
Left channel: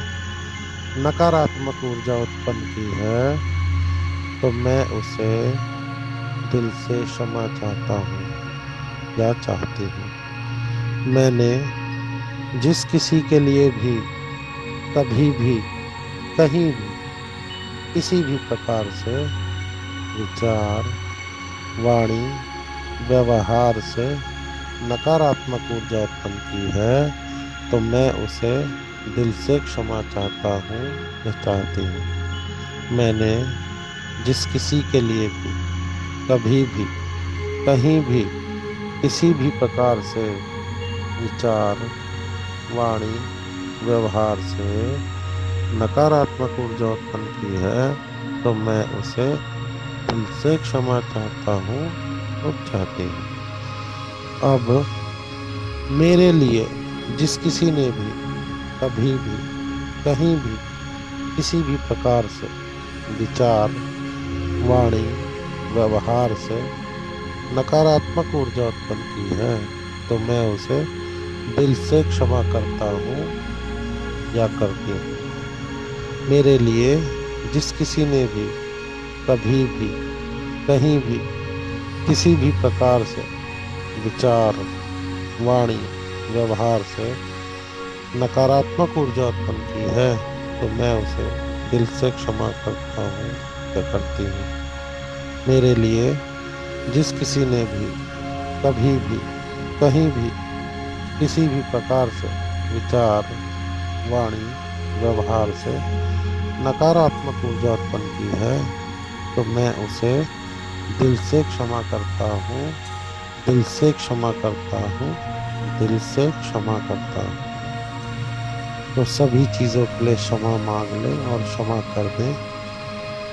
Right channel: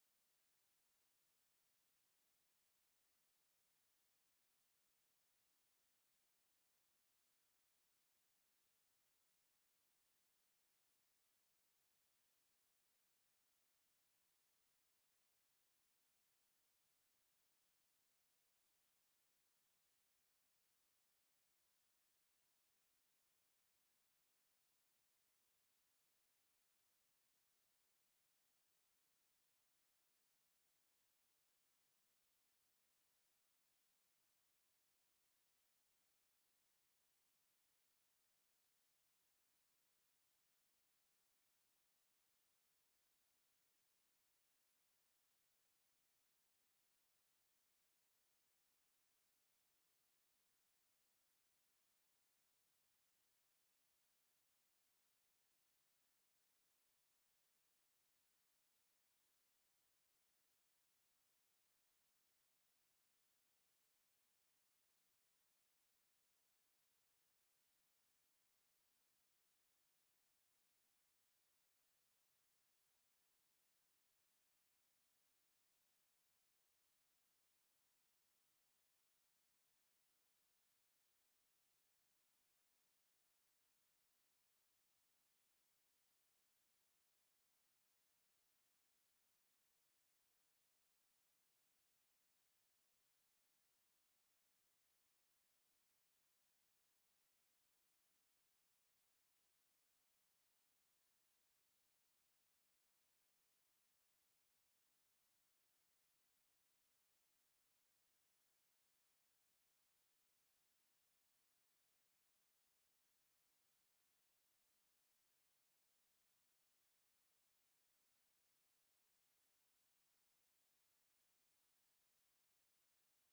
नकारात्मक ऊर्जा उत्पन्न की है, तो मैं उसे दिल से क्षमा चाहता हूँ या चाहती हूँ। मैंने जिस किसी के लिए भी कभी भी, कहीं भी, किसी भी प्रकार से विचार, वाणी, व्यवहार से नकारात्मक ऊर्जा उत्पन्न की है, तो मैं उसे दिल से क्षमा चाहता हूँ या चाहती हूँ। मैंने जिस किसी के लिए भी कभी भी, कहीं भी, किसी भी प्रकार से विचार, वाणी, व्यवहार से नकारात्मक ऊर्जा उत्पन्न की है, तो मैं उसे दिल से क्षमा चाहता हूँ और चाहती हूँ। अब मेरे लिए जिस किसी ने भी कभी भी, कहीं भी, किसी भी प्रकार से विचार, वाणी, व्यवहार से नकारात्मक ऊर्जा उत्पन्न की है तो मैं उसे दिल से क्षमा करता हूँ या करती हूँ। मेरे लिए जिस किसी ने भी कभी भी कहीं भी किसी भी प्रकार से विचार, वाणी, व्यवहार से नकारात्मक ऊर्जा उत्पन्न की है तो मैं उसे दिल से क्षमा करता हूँ या करती हूँ। मेरे लिए जिस किसी ने भी कभी भी कहीं भी किसी भी प्रकार से विचार, वाणी, व्यवहार से नकारात्मक ऊर्जा उत्पन्न की है तो मैं उसे दिल से क्षमा करता हूँ, दिल से क्षमा करता हूँ, दिल से क्षमा करता हूँ। तो सभी चीजों के लिए क्षमा मांग लें और क्षमा कर दें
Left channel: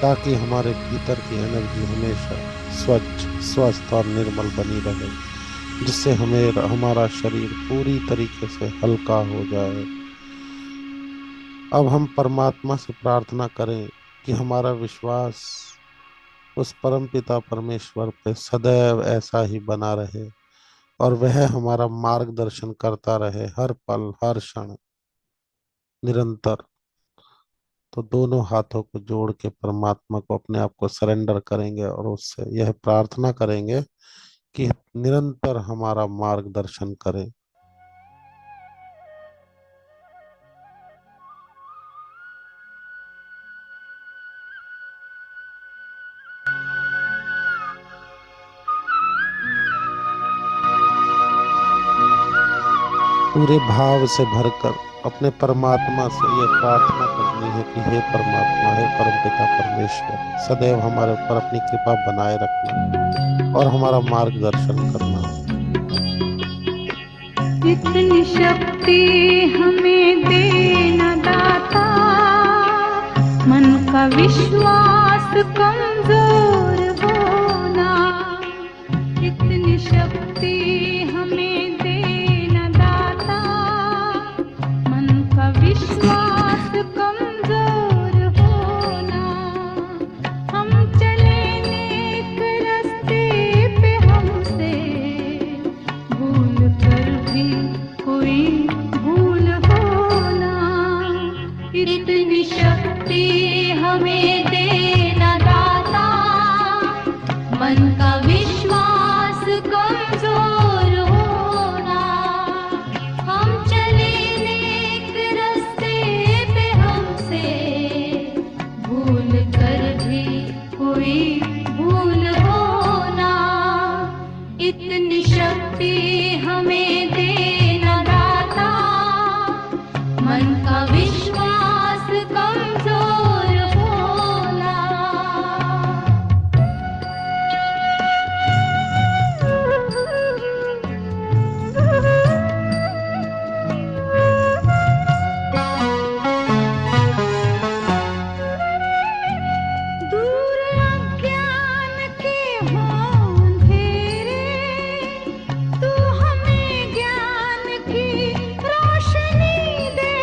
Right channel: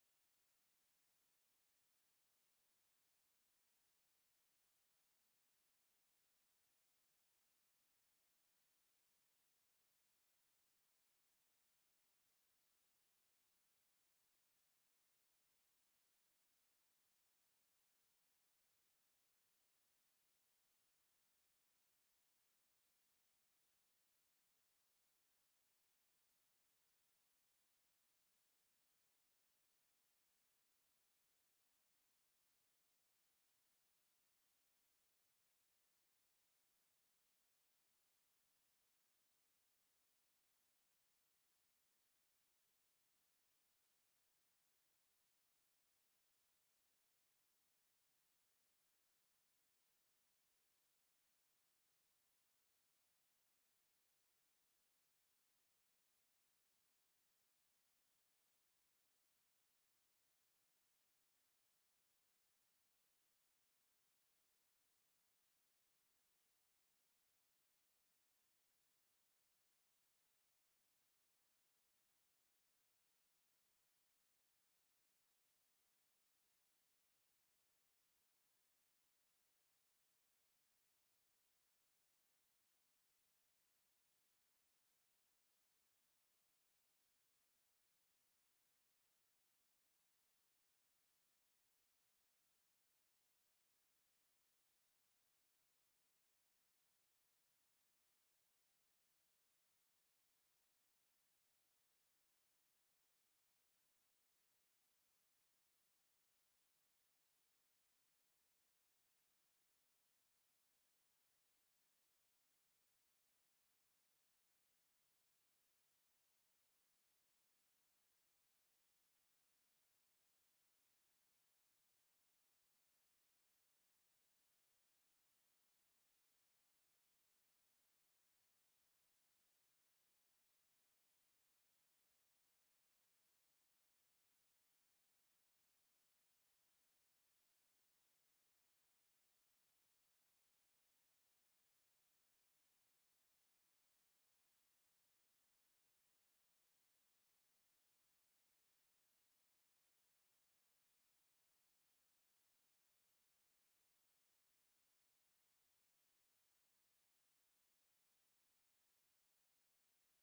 ताकि हमारे भीतर की एनर्जी हमेशा स्वच्छ, स्वस्थ और निर्मल बनी रहे, जिससे हमें हमारा शरीर पूरी तरीके से हल्का हो जाए। अब हम परमात्मा से प्रार्थना करें कि हमारा विश्वास उस परमपिता परमेश्वर पे सदैव ऐसा ही बना रहे और वह हमारा मार्गदर्शन करता रहे हर पल, हर क्षण, निरंतर। तो दोनों हाथों को जोड़ के परमात्मा को अपने आप को सरेंडर करेंगे और उससे यह प्रार्थना करेंगे कि निरंतर हमारा मार्गदर्शन करें। पूरे भाव से भरकर अपने परमात्मा से यह प्रार्थना करनी है कि हे परमात्मा, हे परमपिता परमेश्वर, सदैव हमारे ऊपर अपनी कृपा बनाए रखना और हमारा मार्गदर्शन करना। इतनी शक्ति हमें देना दाता, मन का विश्वास कमजोर होना। इतनी शक्ति हमें देना दाता, मन का विश्वास कमजोर होना। हम चले नेक रास्ते पे, हमसे भूल कर भी कोई भूल होना। इतनी शक्ति हमें देना दाता, मन का विश्वास कमजोर होना। हम चले नेक रास्ते पे, हमसे भूल कर भी कोई भूल होना। इतनी शक्ति हमें देना दाता, मन का विश्वास कमजोर होना। दूर अज्ञान के हों अंधेरे, तू हमें ज्ञान की रोशनी दे।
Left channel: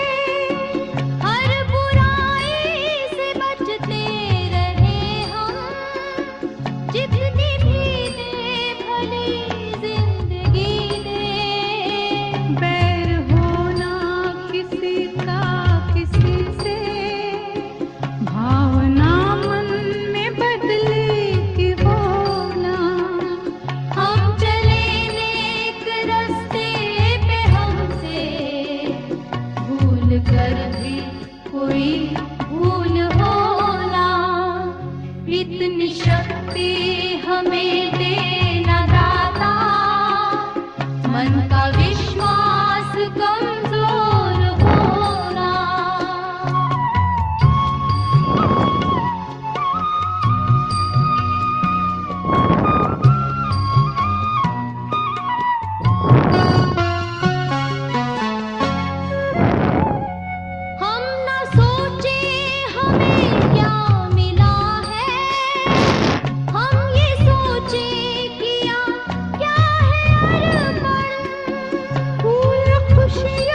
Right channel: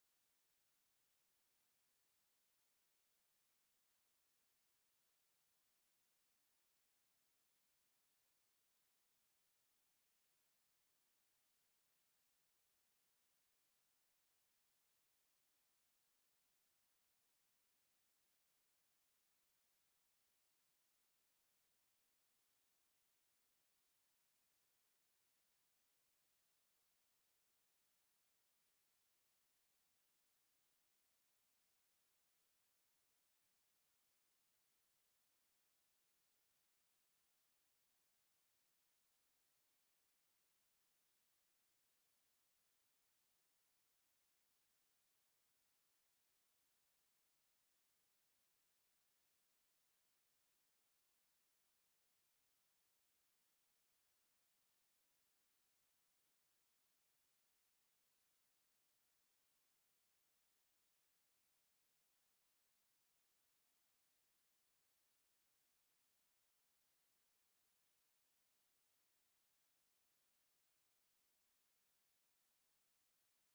हर बुराई से बचते रहे हम, जितनी भी दे भली जिंदगी दे। बैर होना किसी का किसी से, भावना मन में बदले की होना। हम चले नेक रास्ते पे, हमसे भूल कर भी कोई भूल होना। इतनी शक्ति हमें देना दाता, मन का विश्वास कमजोर होना। हम न सोचे हमें क्या मिला है, हम ये सोचे किया क्या है अर्पण। फूल खुशियों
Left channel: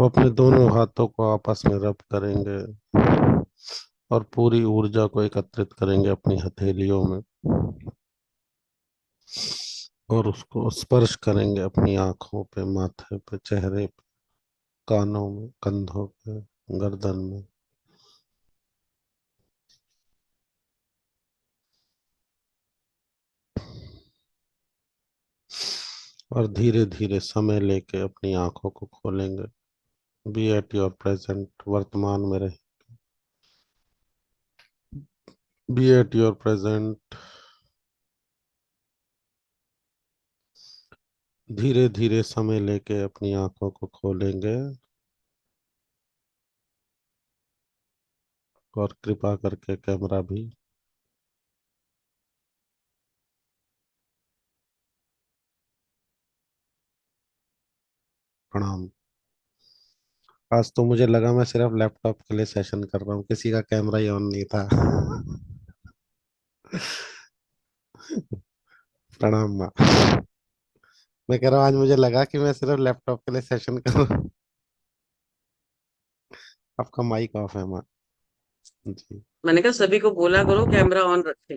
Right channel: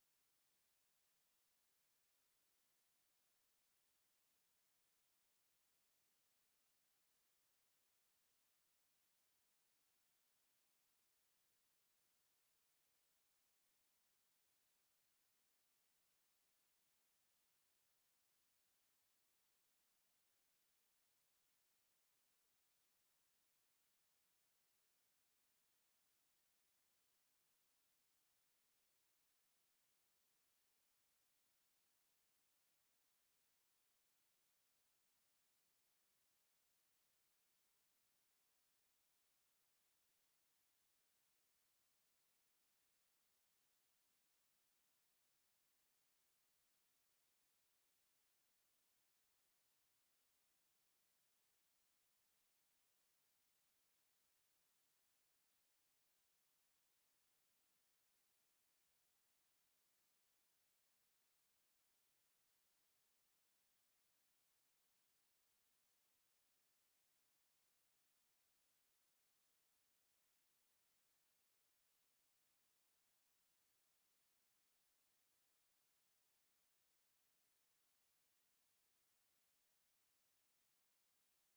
अब अपने दोनों हाथों को आपस में रब करेंगे और पूरी ऊर्जा को एकत्रित करेंगे अपनी हथेलियों में और उसको स्पर्श करेंगे अपनी आंखों पे, माथे पे, चेहरे पे, कानों में, कंधों पे, गर्दन में। और धीरे धीरे समय लेके अपनी आंखों को खोलेंगे। बी एट योर प्रेजेंट, वर्तमान में रहे। Be at your present. धीरे धीरे समय लेके अपनी आंखों को खोलेंगे और कृपा करके कैमरा भी। प्रणाम। आज तो मुझे लगा मैं सिर्फ लैपटॉप के लिए सेशन कर रहा हूँ, किसी का कैमरा ही ऑन नहीं था। प्रणाम माँ। मैं कह रहा हूँ आज मुझे लगा कि मैं सिर्फ लैपटॉप के लिए सेशन कर रहा हूँ। आपका माइक ऑफ है माँ जी। मैंने कहा सभी को बोला करो कैमरा ऑन रखें।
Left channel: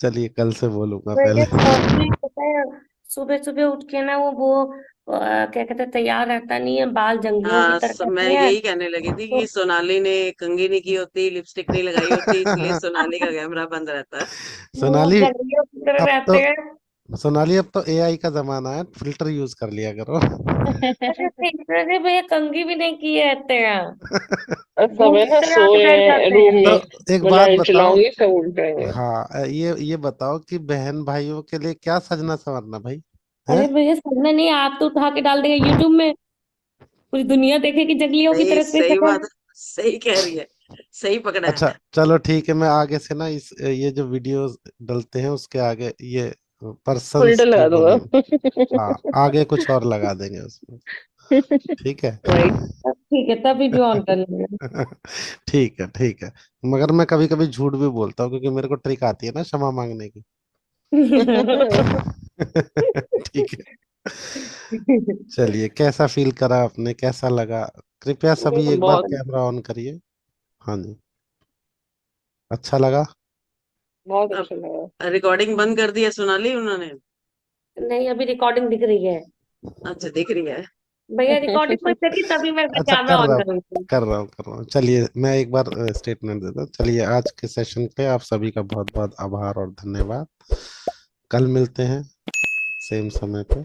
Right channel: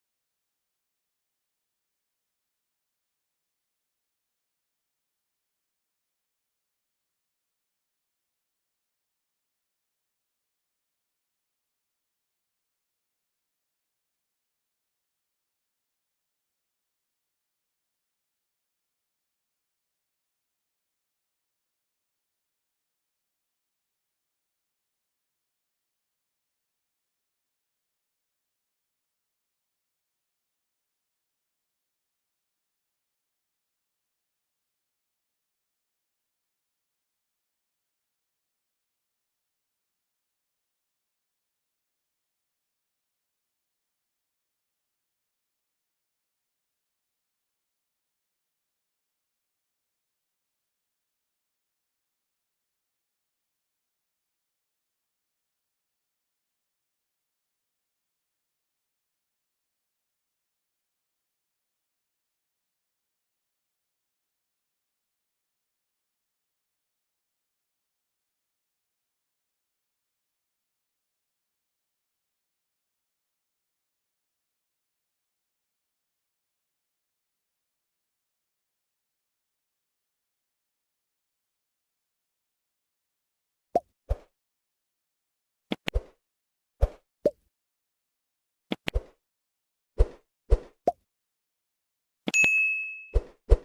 चलिए कल से बोलूंगा वैसे पहले। कॉस्ट्यूम पता है, सुबह सुबह उठ के ना वो क्या कहते हैं, तैयार रहता नहीं है, बाल जंगलियों की हाँ, तरह मैं करते हैं। यही कहने लगी थी तो कि सोनाली ने कंघी नहीं की होती, लिपस्टिक नहीं लगाई होती, इसलिए सोनाली का कैमरा बंद रहता है। वो सोनाली जंगलियों की तरह अब रहते तो हैं। सोनाली अब तो एआई का जमाना है, फिल्टर यूज कर लिया करो। अरे फिल्टर से भैया, कंघी भी नहीं किए रहते हैं, और सब मुंह है की ना, तरह सोए बैठ हैं जाते रूम हैं। तो में। एक मैं बात लाइट बताओ। चलाऊंगी सब उठ जाएंगे। हाँ, ये बताओ कि बहन भाइयों के लिए क्या सजना संवरना भाई है। अरे भैया, सजना नहीं, आप तो उठा के डाल देंगे यूट्यूब में, पूरी दुनिया देखेगी जंगलियों की सही तरह से सही शक्ल। बात है, सही कह रही है, सही पकड़ा है। अच्छा चलो ठीक है, मैं आगे से ना इस ये जो वीडियोस डलते हैं उसके आगे ये पर्सन्स फिल्टर की लगा बोलेंगे। दूंगा। हाँ, आगे कुछ और लगा देंगे उसमें। ठीक है। वही। तब ठीक है, तभी भी ऑन कर लेंगे। ठीक है ठीक है। मगर मैं कभी कभी झूठ भी बोलता हूँ क्योंकि मेरे को ट्रिक आती है ना क्षमा मांगने की। ठीक है। चलिए, कैसा फील करा आपने, कैसा लगा? कृपया सभी एक बार बहुत कैमरा ऑन करिए। हाँ जी। अच्छा लगा। बहुत अब अच्छा लगा। रिकॉर्डिंग बंद कर दी है सोनाली उन्होंने? नहीं, अभी रिकॉर्डिंग दिख रही है अच्छा, दिख रही है। भैया, रिकॉर्डिंग में देखी तभी मैं अच्छा, कैमरा ऑन करूंगी। कर रहा हूँ। चलिए मैं एक बार स्टेटमेंट देता हूँ। चलिए, आज के सेशन पे आप सभी का बहुत बहुत आभार और धन्यवाद। कल मिलते हैं सेम समय पे।